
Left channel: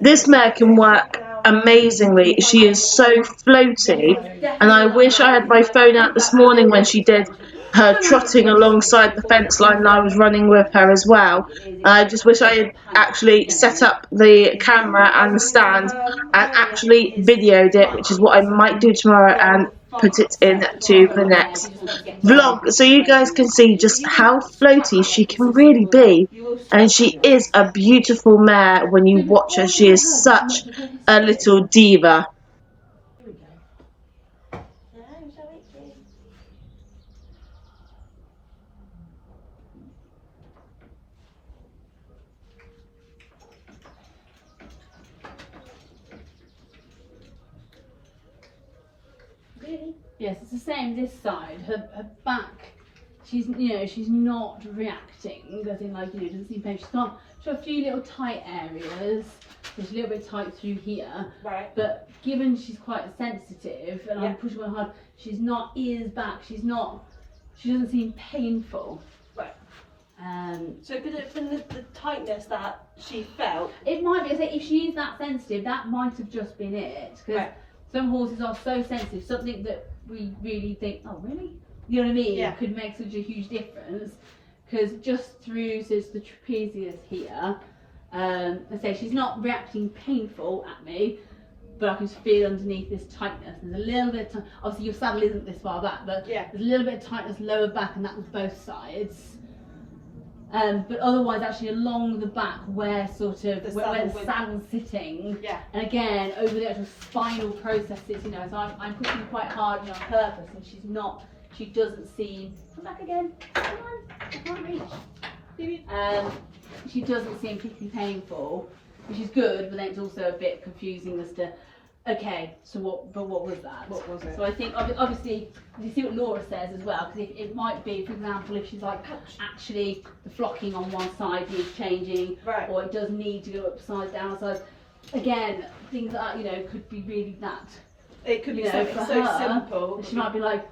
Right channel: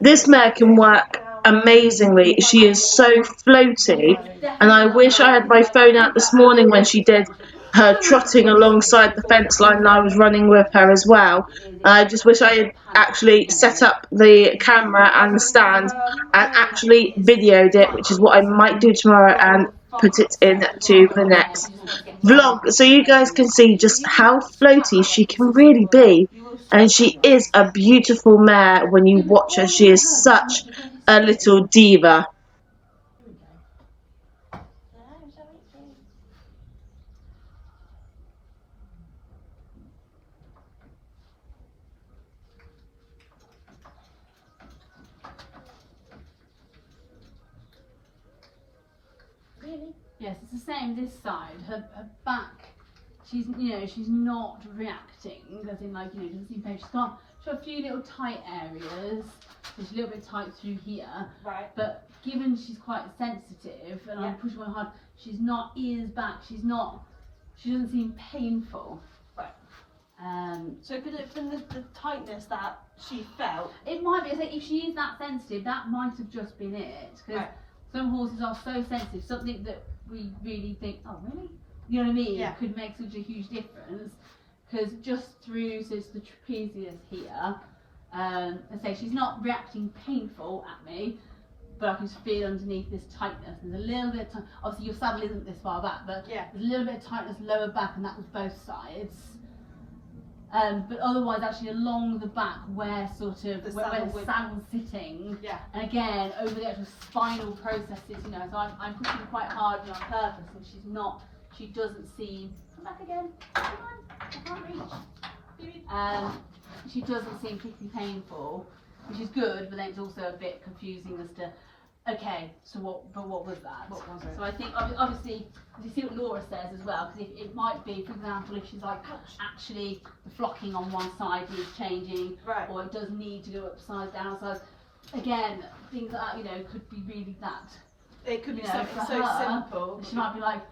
this mare can work amazingly. She is so floaty, and I wish I had my phone out this morning when she did her trotting alongside the fence line, and I was running with her as well. I just wish I had actually set up the camera and the stand and actually videoed it, which is what I might do tomorrow and put it into the next vlog so you guys can see just how floaty she can really be. And she is a beautiful mare when you watch her. She is such a little diva. Yes, it's the same this side. Her back, she's not reacting. As in, like, doesn't seem pain. She's got a few little tight areas. She's a little bit tight through here. Right. But given she's quite sensitive, and I'm pushing her hard, she's not ears back. She doesn't seem painful. Right. So could it have been the tightness that she felt? It might be. If she is that sensitive, that might have just been it. Because some horses are so sensitive. Something that we really think, oh really? You know what I mean? Yeah. Could make such a huge difference. Because just through, so it's the trapezius here. I say she's not reacting painful at me, but I can just feel underneath this tightness. There's a little bit of obviously your saddle isn't this far back, but there's a little bit of tightness lower back, and that was both sides. But otherwise, actually along the back, where where the saddle's sitting, and again over the actual spinal processes, so I'm pushing quite hard on purpose, and she doesn't seem. Come back again. Come on, I can't reach. She doesn't seem particularly painful, which is good, but then it's also a bit confusing as to, okay, so what was that? What was it? So I think obviously you see what Laura says as well, because it might be, for example, if she's like, actually the flocking on one side needs changing, or it does need to go upside down. So again, things like that, could be really that. It could be something so simple. She might be like,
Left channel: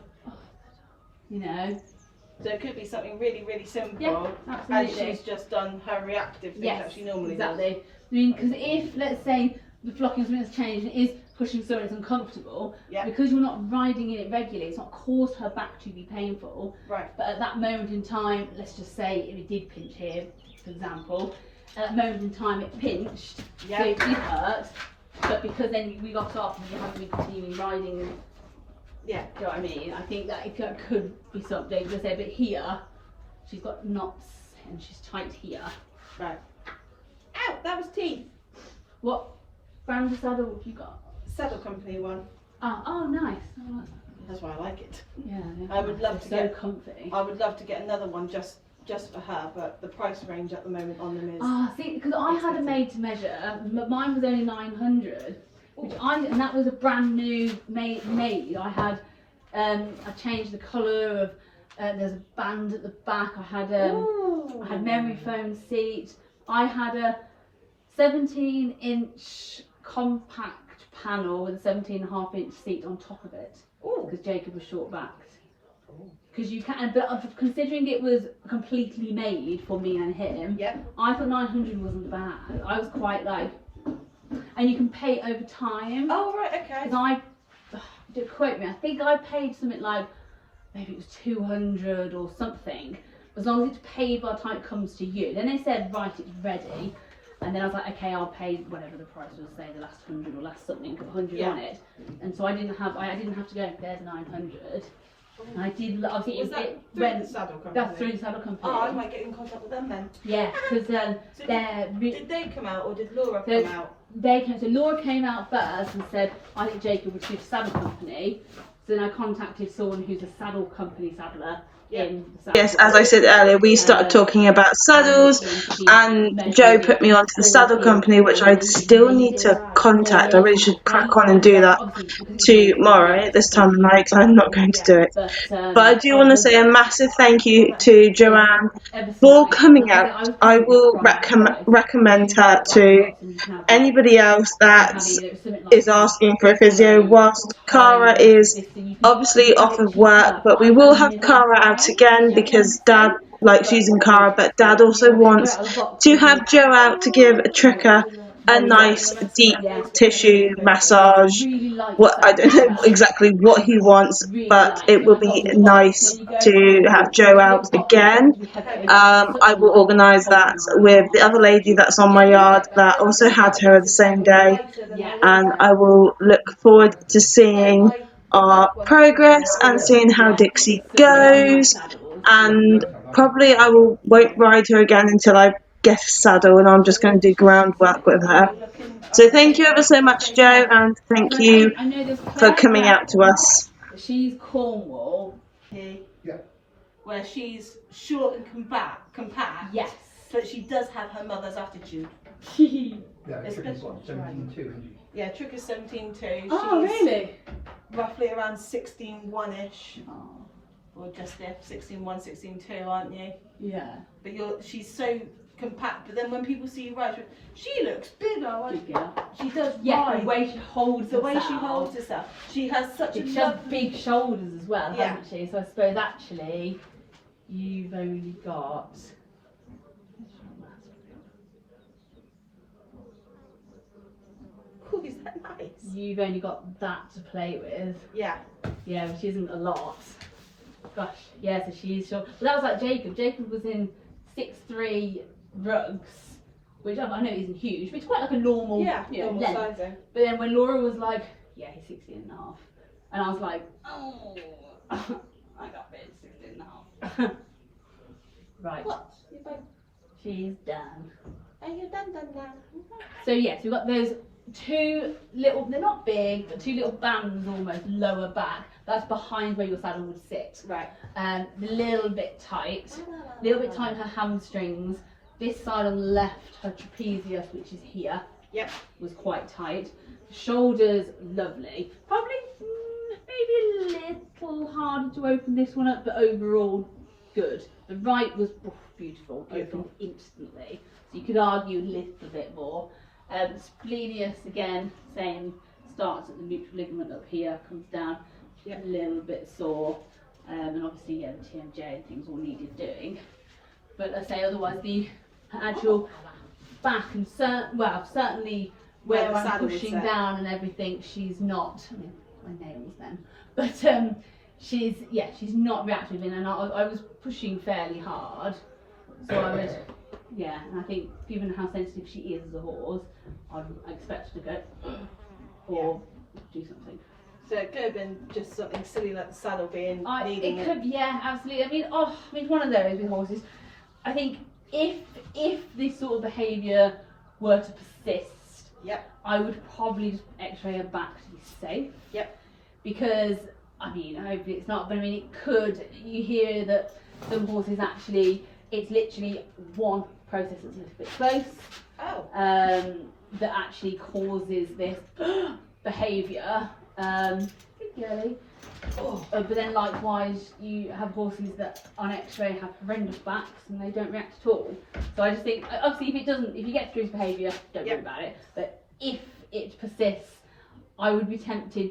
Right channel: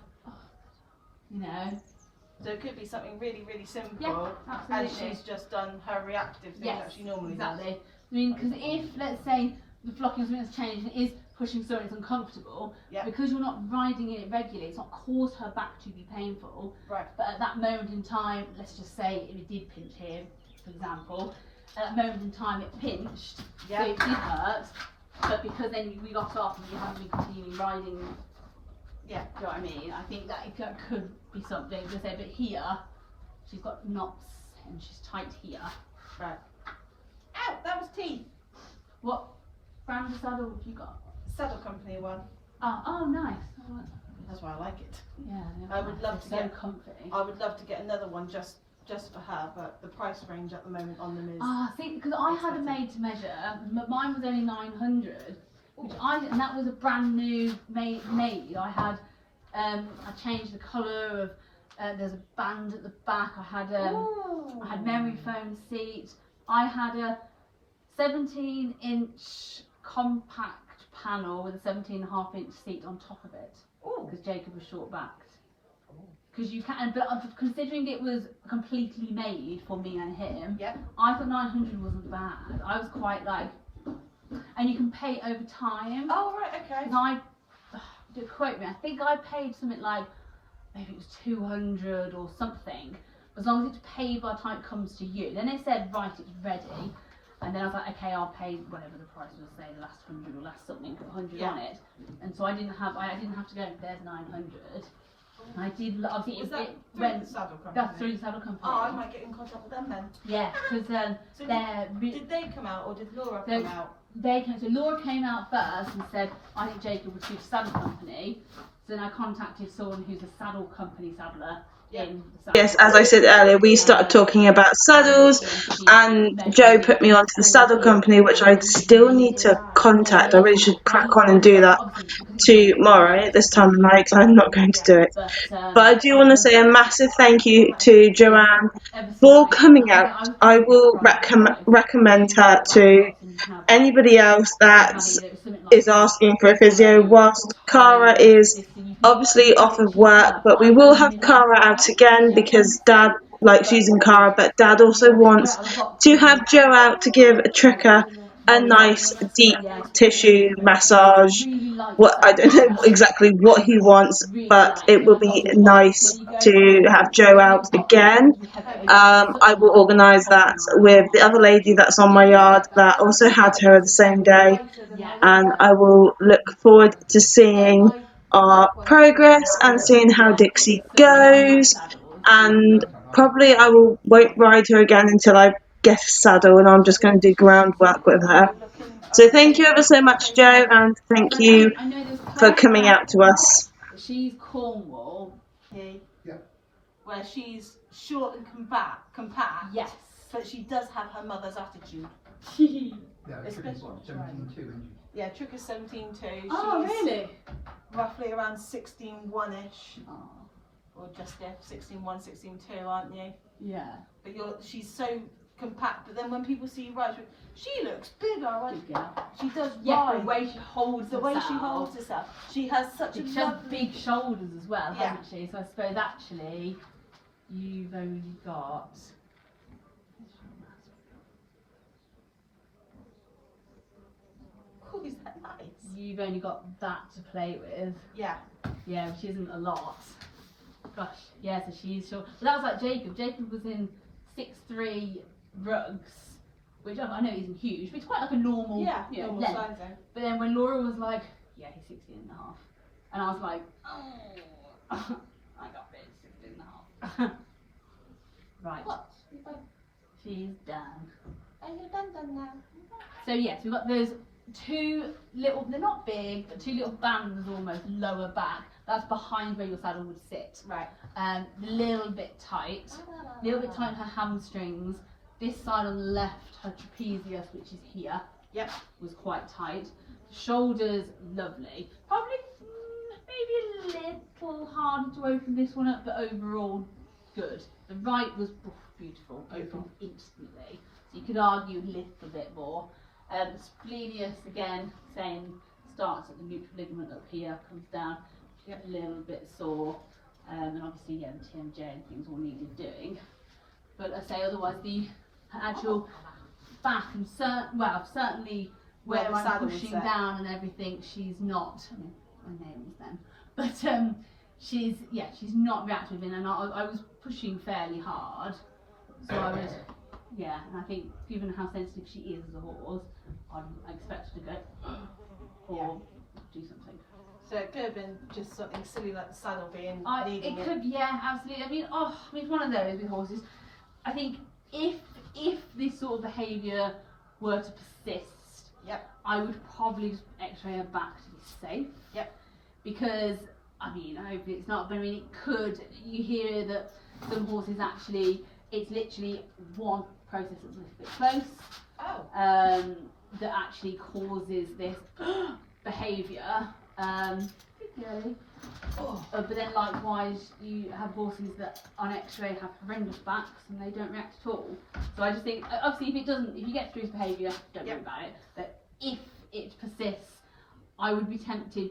So it could be something really, really simple. Yeah, absolutely. And she's just done her reactive thing that she normally does. I mean, because if, let's say, the flocking has changed and it is pushing someone that's uncomfortable, because you're not riding in it regularly, it's not caused her back to be painful. Right. But at that moment in time, let's just say if it did pinch here, for example, at that moment in time it pinched, so it did hurt, but because then we got off and we haven't been continuing riding. Yeah. Do you know what I mean? I think that it could be something. Let's say, but here, she's got knots and she's tight here. Right. Ow! That was teeth. What brand of saddle have you got? Saddle Company one. Oh, nice. Oh, that's why I like it. Yeah. I would love to get. So comfy. I would love to get another one just for her, but the price range at the moment on them is. See, because I had a made to measure. Mine was only 900. And that was a brand new made. I had, I changed the colour of. There's a band at the back. I had memory foam seat. I had a 17-inch compact panel with a 17.5-inch seat on top of it. Because Jacob was short backed. Because you can, but considering it was completely made for me and him, I thought 900 wasn't bad. I was quite like. And you can pay over time. Oh, right, okay. Because don't quote me, I think I paid something like, maybe it was 200 or something, as long as it's paid by the time it comes to you. Then they said, right, it's ready. And then I was like, okay, I'll pay whatever the price was, say the last 100 or last something, put 100 on it. And so I didn't have to go, there's 900. And I did, obviously it went, the Saddle Company? That's through the Saddle Company. Oh, I might get in contact with them then. Yeah, because so did they come out or did Laura come out? So Laura came out first and said, I think Jacob would suit a Saddle Company. So then I contacted someone who's a Saddle Company saddler in the Yes, as I said earlier, we started talking about saddles, and Joe put me onto the Saddle Company, which I still need to contact. I really should crack on and do that tomorrow at this time of night, because I'm not going to do it. But I do want to say a massive thank you to Joanne for coming out. I will recommend her to anybody else that is asking for a physio, whilst Cara is obviously off of work, but we will have Cara out again because Dad likes using Cara, but Dad also wants to have Joe out to give Trika a nice deep tissue massage. I don't know exactly what he wants, but it will be nice to have Joe out again. I will organise that with the other lady that's on my yard that also had her the same day, and I will look forward to seeing our progress and seeing how Dixie goes, and probably I won't ride her again until I get a saddle, and I'm just going to do groundwork with her. So thank you ever so much, Joe, and thank you I know there's for coming out to us. She's Cornwall. Yeah. Where she's short and compact. Yes. But she does have her mother's attitude. Yeah, It's Tricky's good. 17.2, isn't she? Yeah, Trick is 17.2. Oh, She's really? roughly around 16.1ish. Oh, Or just if 16.1, 16.2, aren't you? yeah. But she's so compact. But then when people see you ride, she looks bigger. Like, Good girl. she does Yeah, ride. the way she holds The way she herself. holds herself. She has such a She has lovely... big shoulders as well, Yeah. hasn't she? So I suppose actually you've only got. Ooh, is that nice? You've only got that to play with. Yeah. Yeah, which isn't a lot. Gosh, yeah, so she's short. But that was like Jacob. Jacob was in 6'3" rugs, which I know isn't huge, but it's quite like a normal, Yeah, you know, normal length. sizing. But then when Laura was like, yeah, he's 16 and a half. And I was like, oh, I got it, 16 and a half. Right. What? She's done. Are you done now? So yes, we've got those two little, they're not big, but two little bands almost lower back. That's behind where your saddle would sit. Right. A little bit tight. A little bit tight her hamstrings. This side on the left, her trapezius, which is here, Yep. was quite tight. Shoulders, lovely. Probably maybe a little harder to open this one up, but overall good. The right was beautiful, opened instantly. So you could argue a little bit more. Splenius again, same, starts at the neutral ligament up here, comes down, Yep. a little bit sore, and obviously yeah, the TMJ and things all needed doing. But I say otherwise the actual back and certainly Where where the I'm saddle would pushing sit. down and everything, she's not. I mean, my nails then, but she's not reactive in, and I was pushing fairly hard, so I would. Yeah, and I think given how sensitive she is as a horse, I'd expect her to go or do something. So it could have been just something silly like the saddle being needing It could, yeah, absolutely. I mean, one of those with horses. I think if this sort of behaviour were to persist, Yep. I would probably just X-ray her back to be safe. Yep. Because I mean, hopefully it's not, but I mean, it could. You hear that some horses actually, it's literally one process that's a little bit close. Oh. That actually causes this behaviour. But then likewise, you have horses that on X-ray have horrendous backs and they don't react at all. So I just think, obviously, if you get through his behaviour, don't worry about it. But if it persists, I would be tempted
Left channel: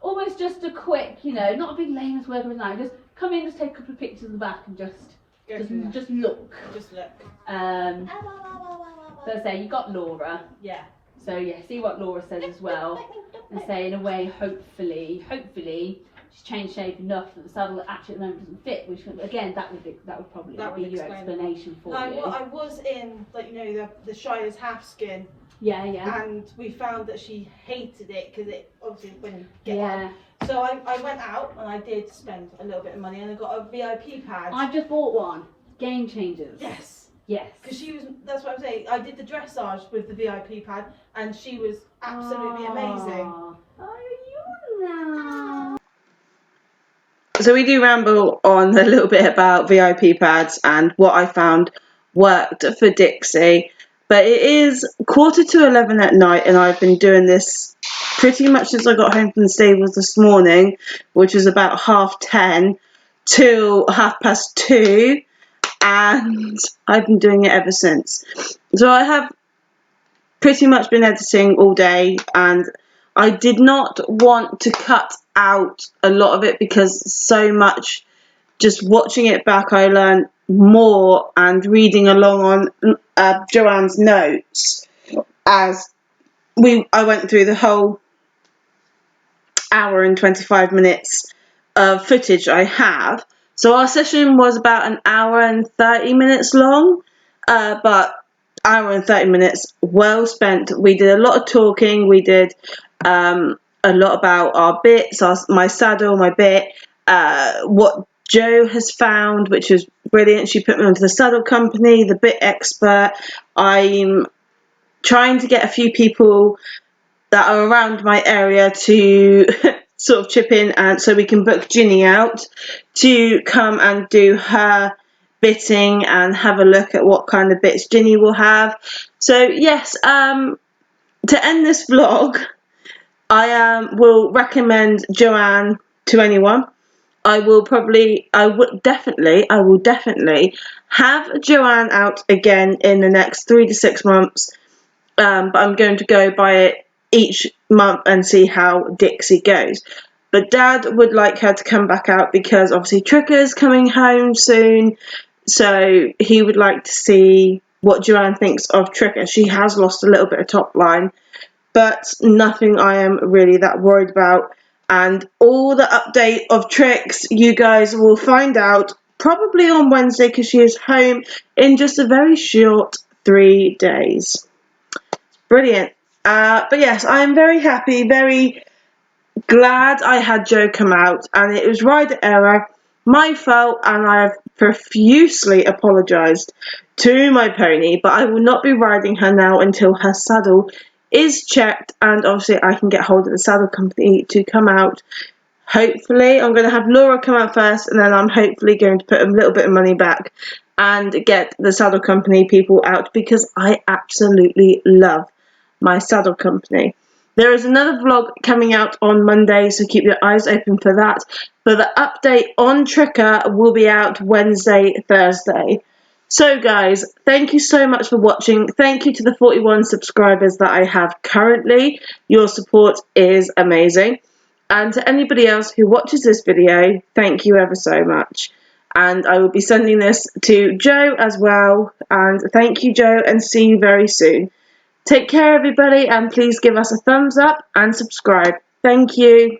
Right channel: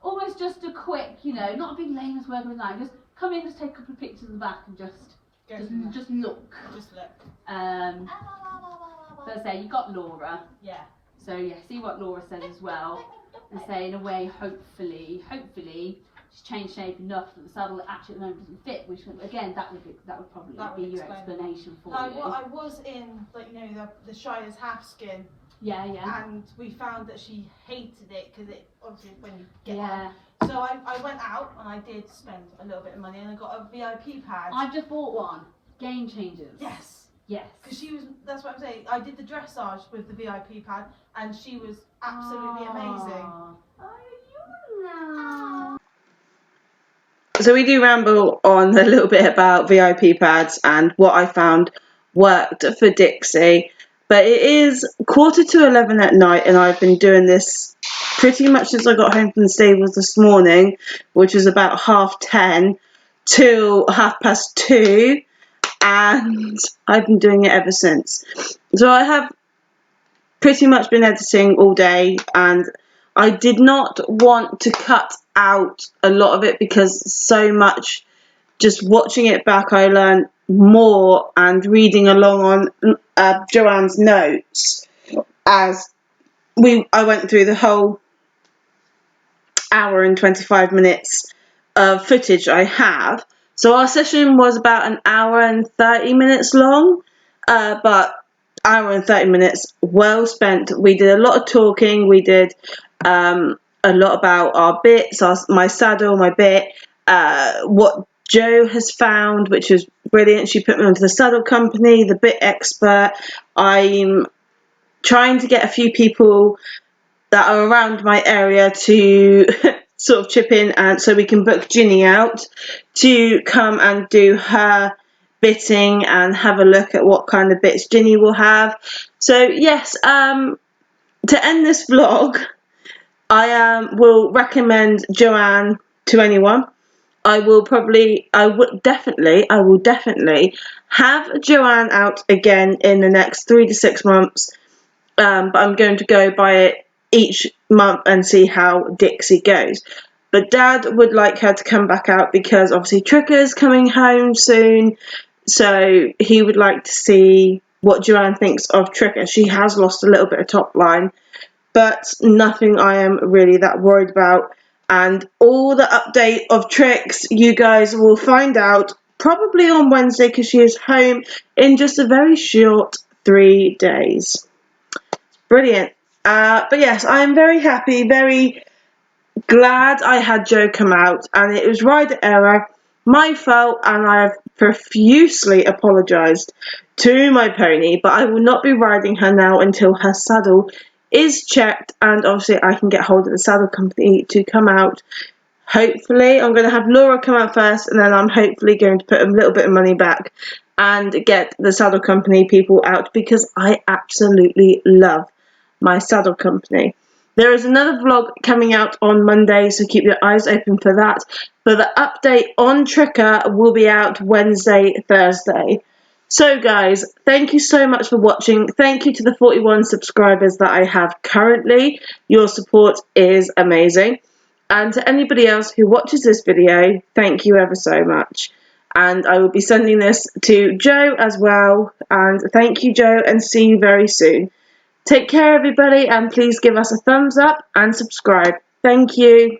almost just a quick, not a big layman's work or anything like that. Just come in, just take a couple of pictures of the back and just look. Just look. So I say you got Laura. Yeah. So yeah, see what Laura says as well, and say in a way, hopefully, she's changed shape enough that the saddle actually at the moment doesn't fit. Which again, that would probably be your explanation for you. Well, I was in the Shire's half skin. Yeah. And we found that she hated it because it obviously when you get Yeah. on. So I went out and I did spend a little bit of money and I got a VIP pad. I've just bought one. Game changers. Yes. Because that's what I'm saying. I did the dressage with the VIP pad and she was absolutely amazing. So we do ramble on a little bit about VIP pads and what I found worked for Dixie. But it is 11:15 at night and I've been doing this pretty much since I got home from the stables this morning, which was about 10:30 till 2:30. And I've been doing it ever since. So I have pretty much been editing all day, and I did not want to cut out a lot of it because so much, just watching it back, I learned more, and reading along on Joanne's notes as I went through the whole hour and 25 minutes of footage I have. So our session was about an hour and 30 minutes long, but hour and 30 minutes well spent. We did a lot of talking. We did a lot about our bits, my saddle, my bit, what Jo has found, which is brilliant. She put me onto the saddle company, the bit expert. I'm trying to get a few people that are around my area to sort of chip in, and so we can book Ginny out to come and do her bitting and have a look at what kind of bits Ginny will have. So yes, to end this vlog, I will recommend Joanne to anyone. I will definitely have Joanne out again in the next 3 to 6 months. But I'm going to go by it each month and see how Dixie goes. But Dad would like her to come back out because obviously Tricker's coming home soon, so he would like to see what Joanne thinks of Tricker. She has lost a little bit of top line, but nothing I am really that worried about. And all the update of Tricks you guys will find out probably on Wednesday, because she is home in just a very short 3 days. Brilliant. But yes, I am very happy, very glad I had Jo come out, and it was rider error, my fault, and I have profusely apologised to my pony, but I will not be riding her now until her saddle is checked, and obviously I can get hold of the saddle company to come out. Hopefully, I'm going to have Laura come out first, and then I'm hopefully going to put a little bit of money back and get the saddle company people out, because I absolutely love my saddle company. There is another vlog coming out on Monday, so keep your eyes open for that. But the update on Tricker will be out Wednesday, Thursday. So guys, thank you so much for watching. Thank you to the 41 subscribers that I have currently. Your support is amazing. And to anybody else who watches this video, thank you ever so much. And I will be sending this to Jo as well. And thank you, Jo, and see you very soon. Take care, everybody, and please give us a thumbs up and subscribe. Thank you.